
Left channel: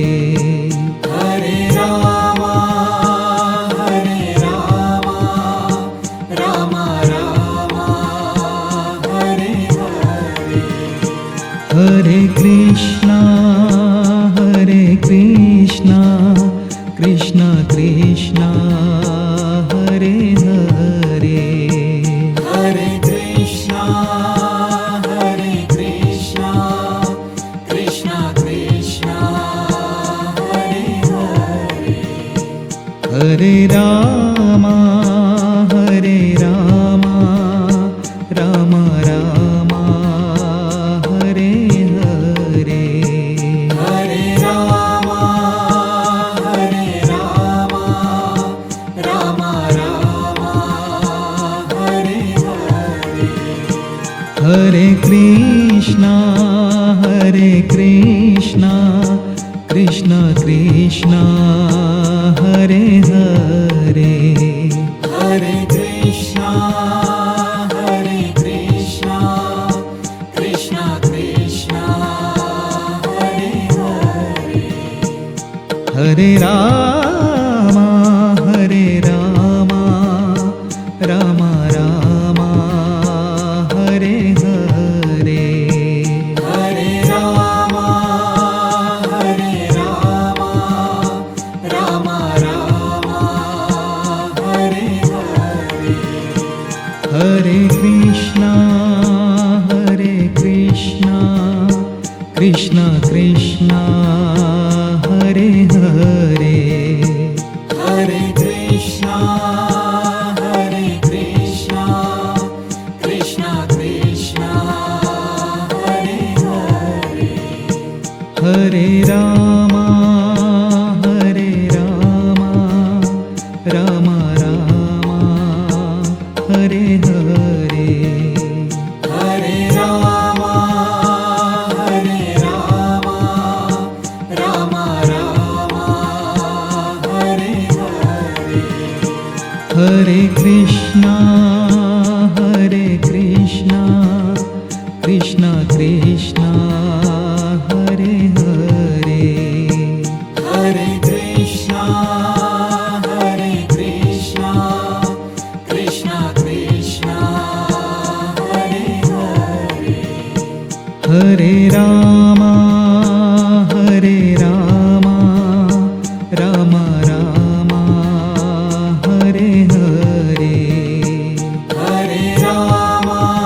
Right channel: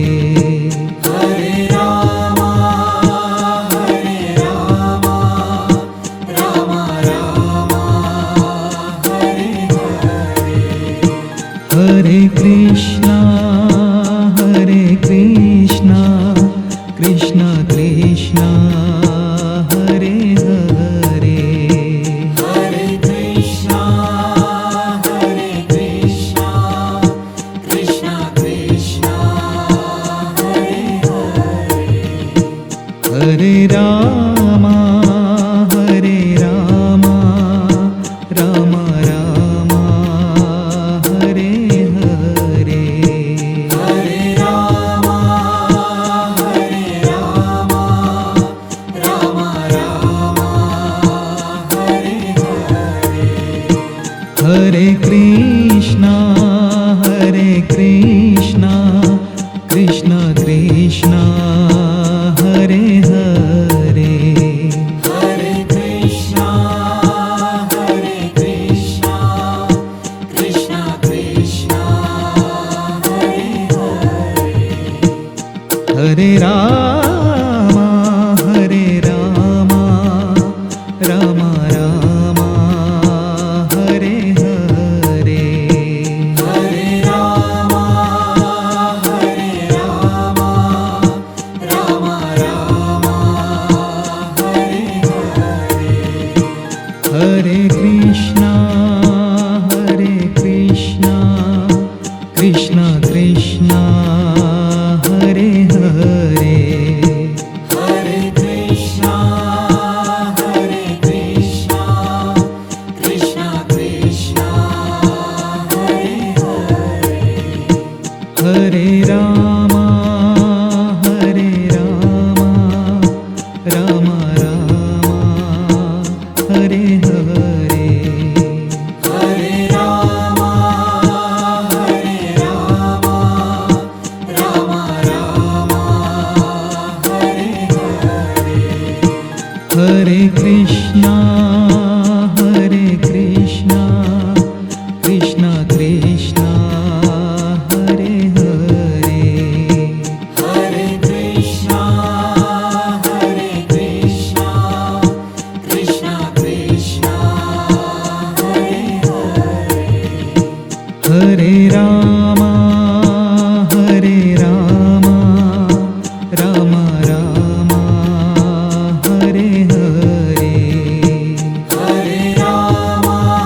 Hare Rama Hare Rama Rama Rama Hare Hare Krishna Krishna Krishna Hare Hare Hare Krishna Hare Krishna Krishna Krishna Hare Hare Rama Rama Rama Hare Hare Hare Rama Hare Rama Rama Rama Hare Hare Krishna Krishna Krishna Hare Hare Hare Krishna Hare Krishna Krishna Krishna Hare Hare Rama Rama Rama Hare Hare Hare Rama Hare Rama Rama Rama Hare Hare Krishna Krishna Krishna Hare Hare Hare Krishna Hare Krishna Krishna Krishna Hare Hare Rama Rama Rama Hare Hare Hare Rama Hare Rama Rama Rama Hare Hare Krishna Krishna Krishna Hare Hare Hare Krishna Hare Krishna Krishna Krishna Hare Hare Rama Rama Rama Hare Hare Hare Rama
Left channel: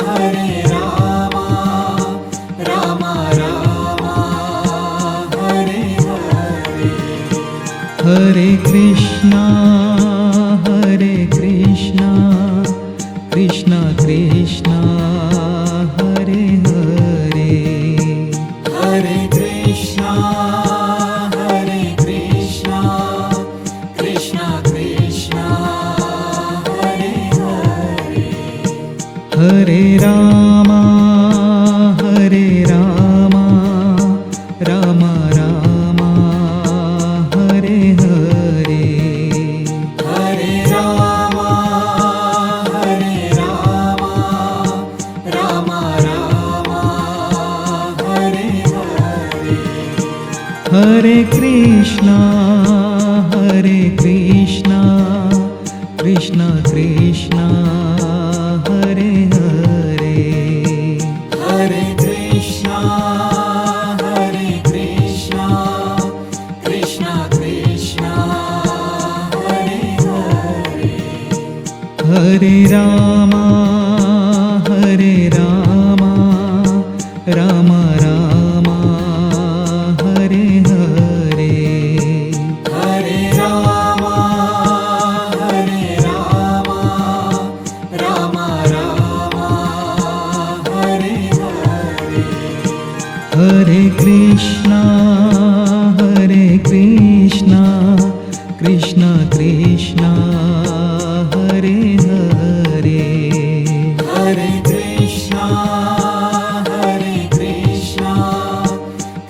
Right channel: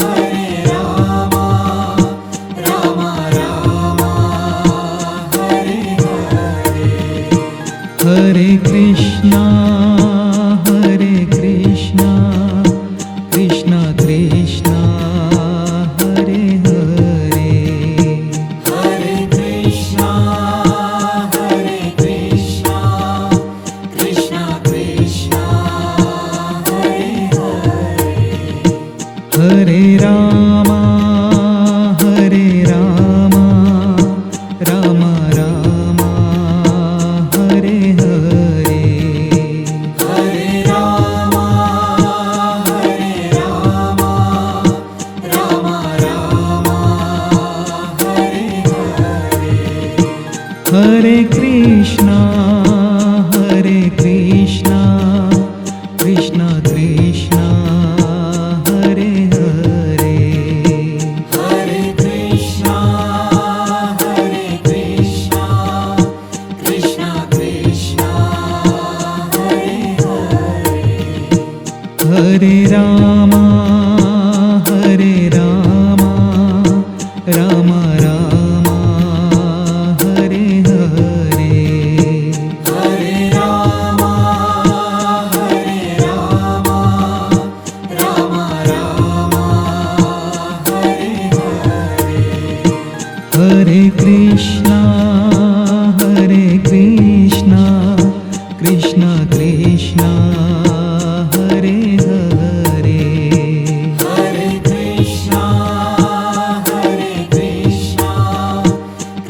Hare Rama Rama Rama Hare Hare Krishna Krishna Krishna Hare Hare Hare Krishna Hare Krishna Krishna Krishna Hare Hare Rama, Hare Rama, Rama Rama, Hare Hare. Hare Rama, Hare Rama, Rama Rama, Hare Hare. Hare Krishna, Hare Krishna, Krishna Krishna, Hare Hare. Hare Krishna, Hare Krishna, Krishna Krishna, Hare Hare. Hare Rama, Hare Rama, Rama Rama, Hare Hare. Hare Rama, Hare Rama, Rama Rama, Hare Hare. Hare Krishna, Hare Krishna, Krishna Krishna, Hare Hare. Hare Krishna, Hare Krishna,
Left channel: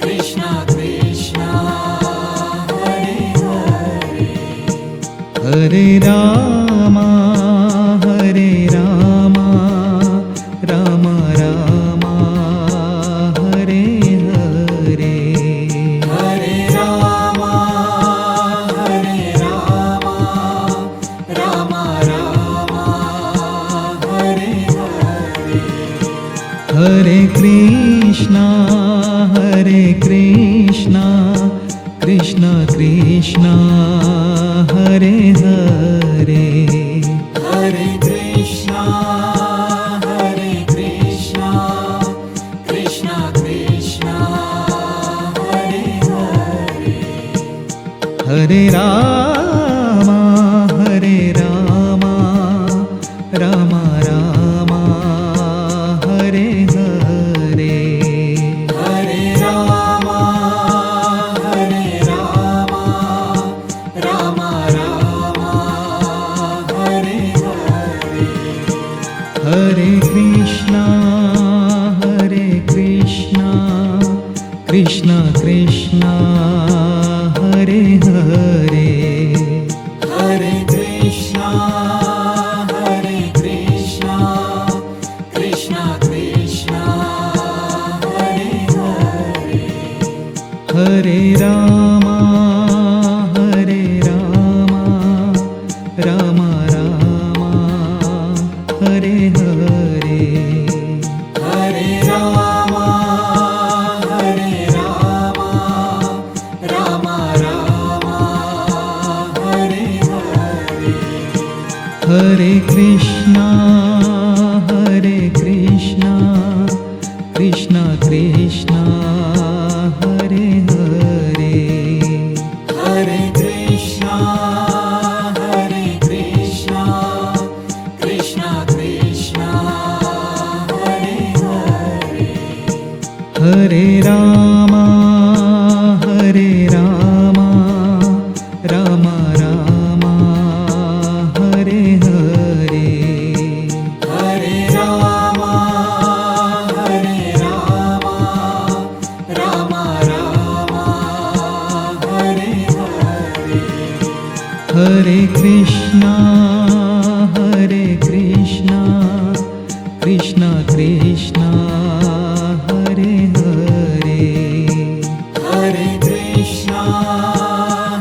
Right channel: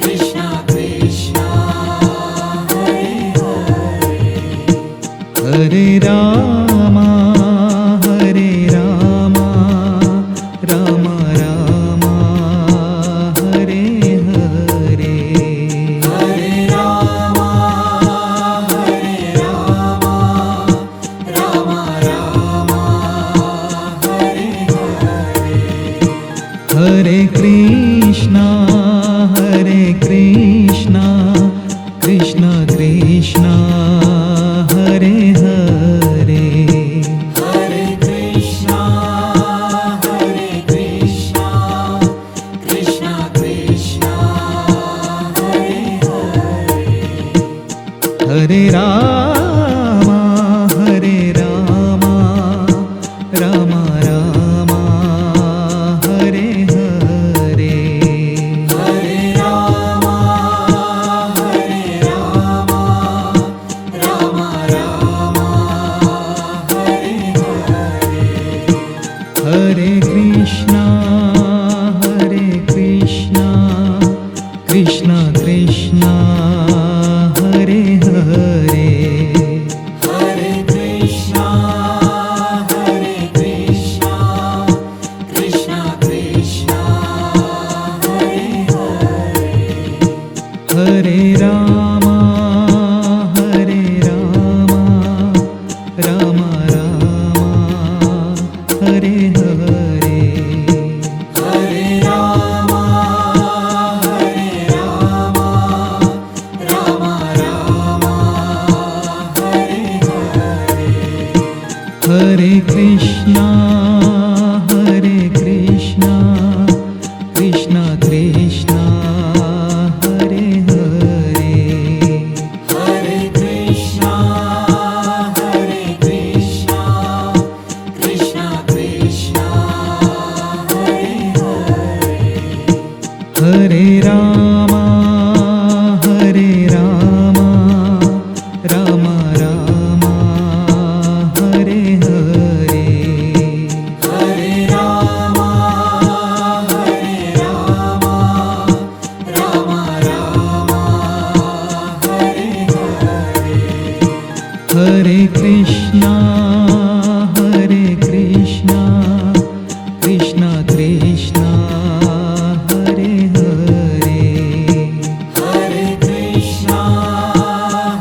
Krishna Krishna, Hare Hare. Hare Rama, Hare Rama, Rama Rama, Hare Hare. Hare Rama, Hare Rama, Rama Rama, Hare Hare. Hare Krishna, Hare Krishna, Krishna Krishna, Hare Hare. Hare Krishna, Hare Krishna, Krishna Krishna, Hare Hare. Hare Rama, Hare Rama, Rama Rama, Hare Hare. Hare Rama, Hare Rama, Rama Rama, Hare Hare. Hare Krishna, Hare Krishna, Krishna Krishna, Hare Hare. Hare Krishna, Hare Krishna, Krishna Krishna, Hare Hare. Hare Rama, Hare Rama, Rama Rama, Hare Hare. Hare Rama, Hare Rama, Rama Rama, Hare Hare. Hare Krishna, Hare Krishna, Krishna Krishna, Hare Hare. Hare Krishna, Hare Krishna, Krishna Krishna, Hare Hare. Hare Rama, Hare Rama, Rama Rama, Hare Hare. Hare Rama, Hare Rama, Rama Rama, Hare Hare. Hare Krishna, Hare Krishna, Krishna Krishna, Hare Hare. Hare Krishna,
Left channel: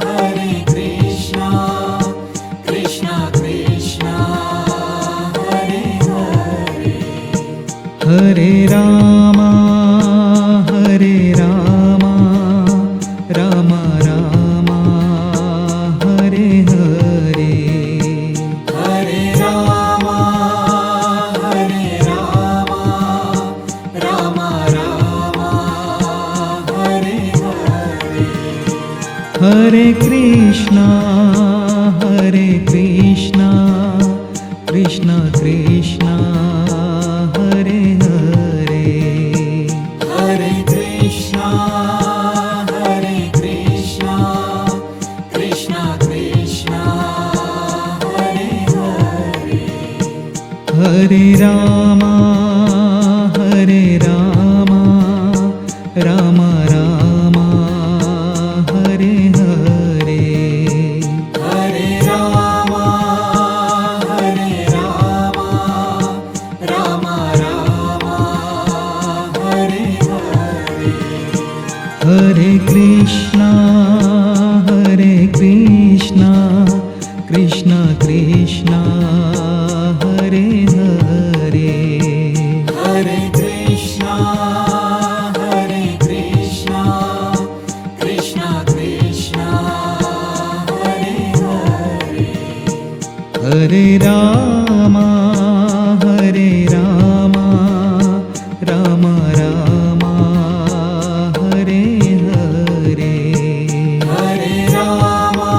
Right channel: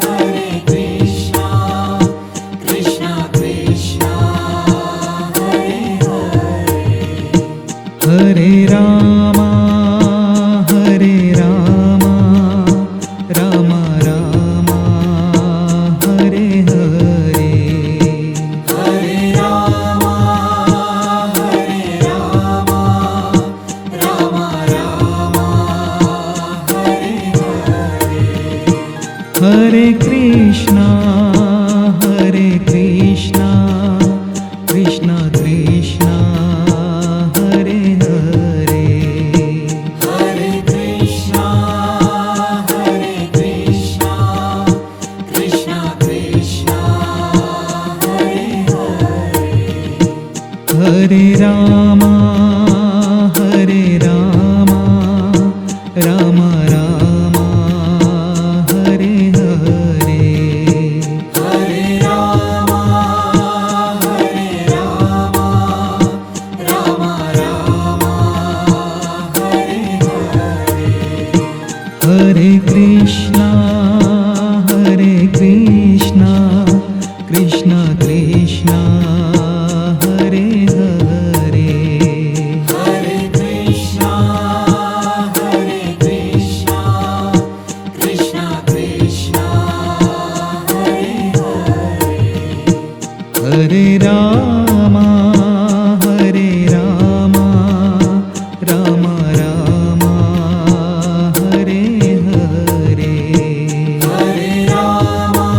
Hare Krishna, Krishna Krishna, Hare Hare. Hare Rama, Hare Rama, Rama Rama, Hare Hare. Hare Rama, Hare Rama, Rama Rama, Hare Hare. Hare Krishna, Hare Krishna, Krishna Krishna, Hare Hare. Hare Krishna, Hare Krishna, Krishna Krishna, Hare Hare. Hare Rama Ram Rama Hare Hare Hare Rama Ram Ram Hare Hare Hare Krishna Krishna Krishna Hare Hare Hare Krishna Krishna Krishna Hare Hare Hare Rama Ram Ram Hare Hare Hare Rama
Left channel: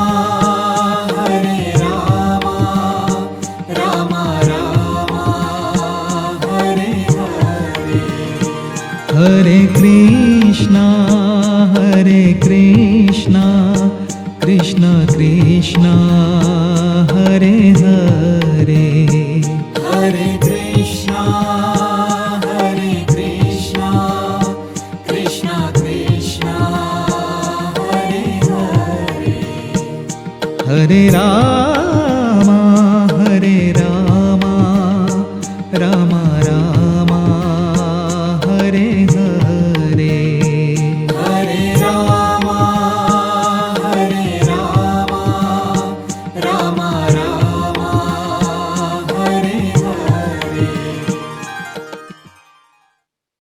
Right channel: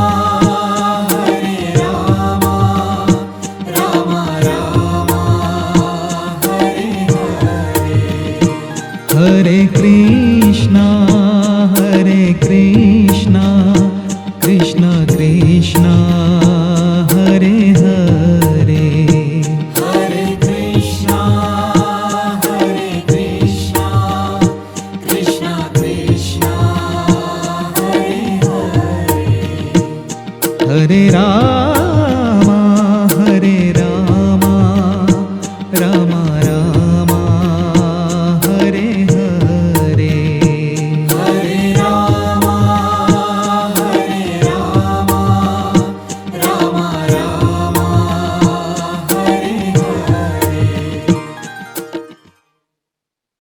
Ram Ram Hare Hare Hare Krishna Krishna Krishna Hare Hare Hare Krishna Krishna Krishna Hare Hare Hare Ram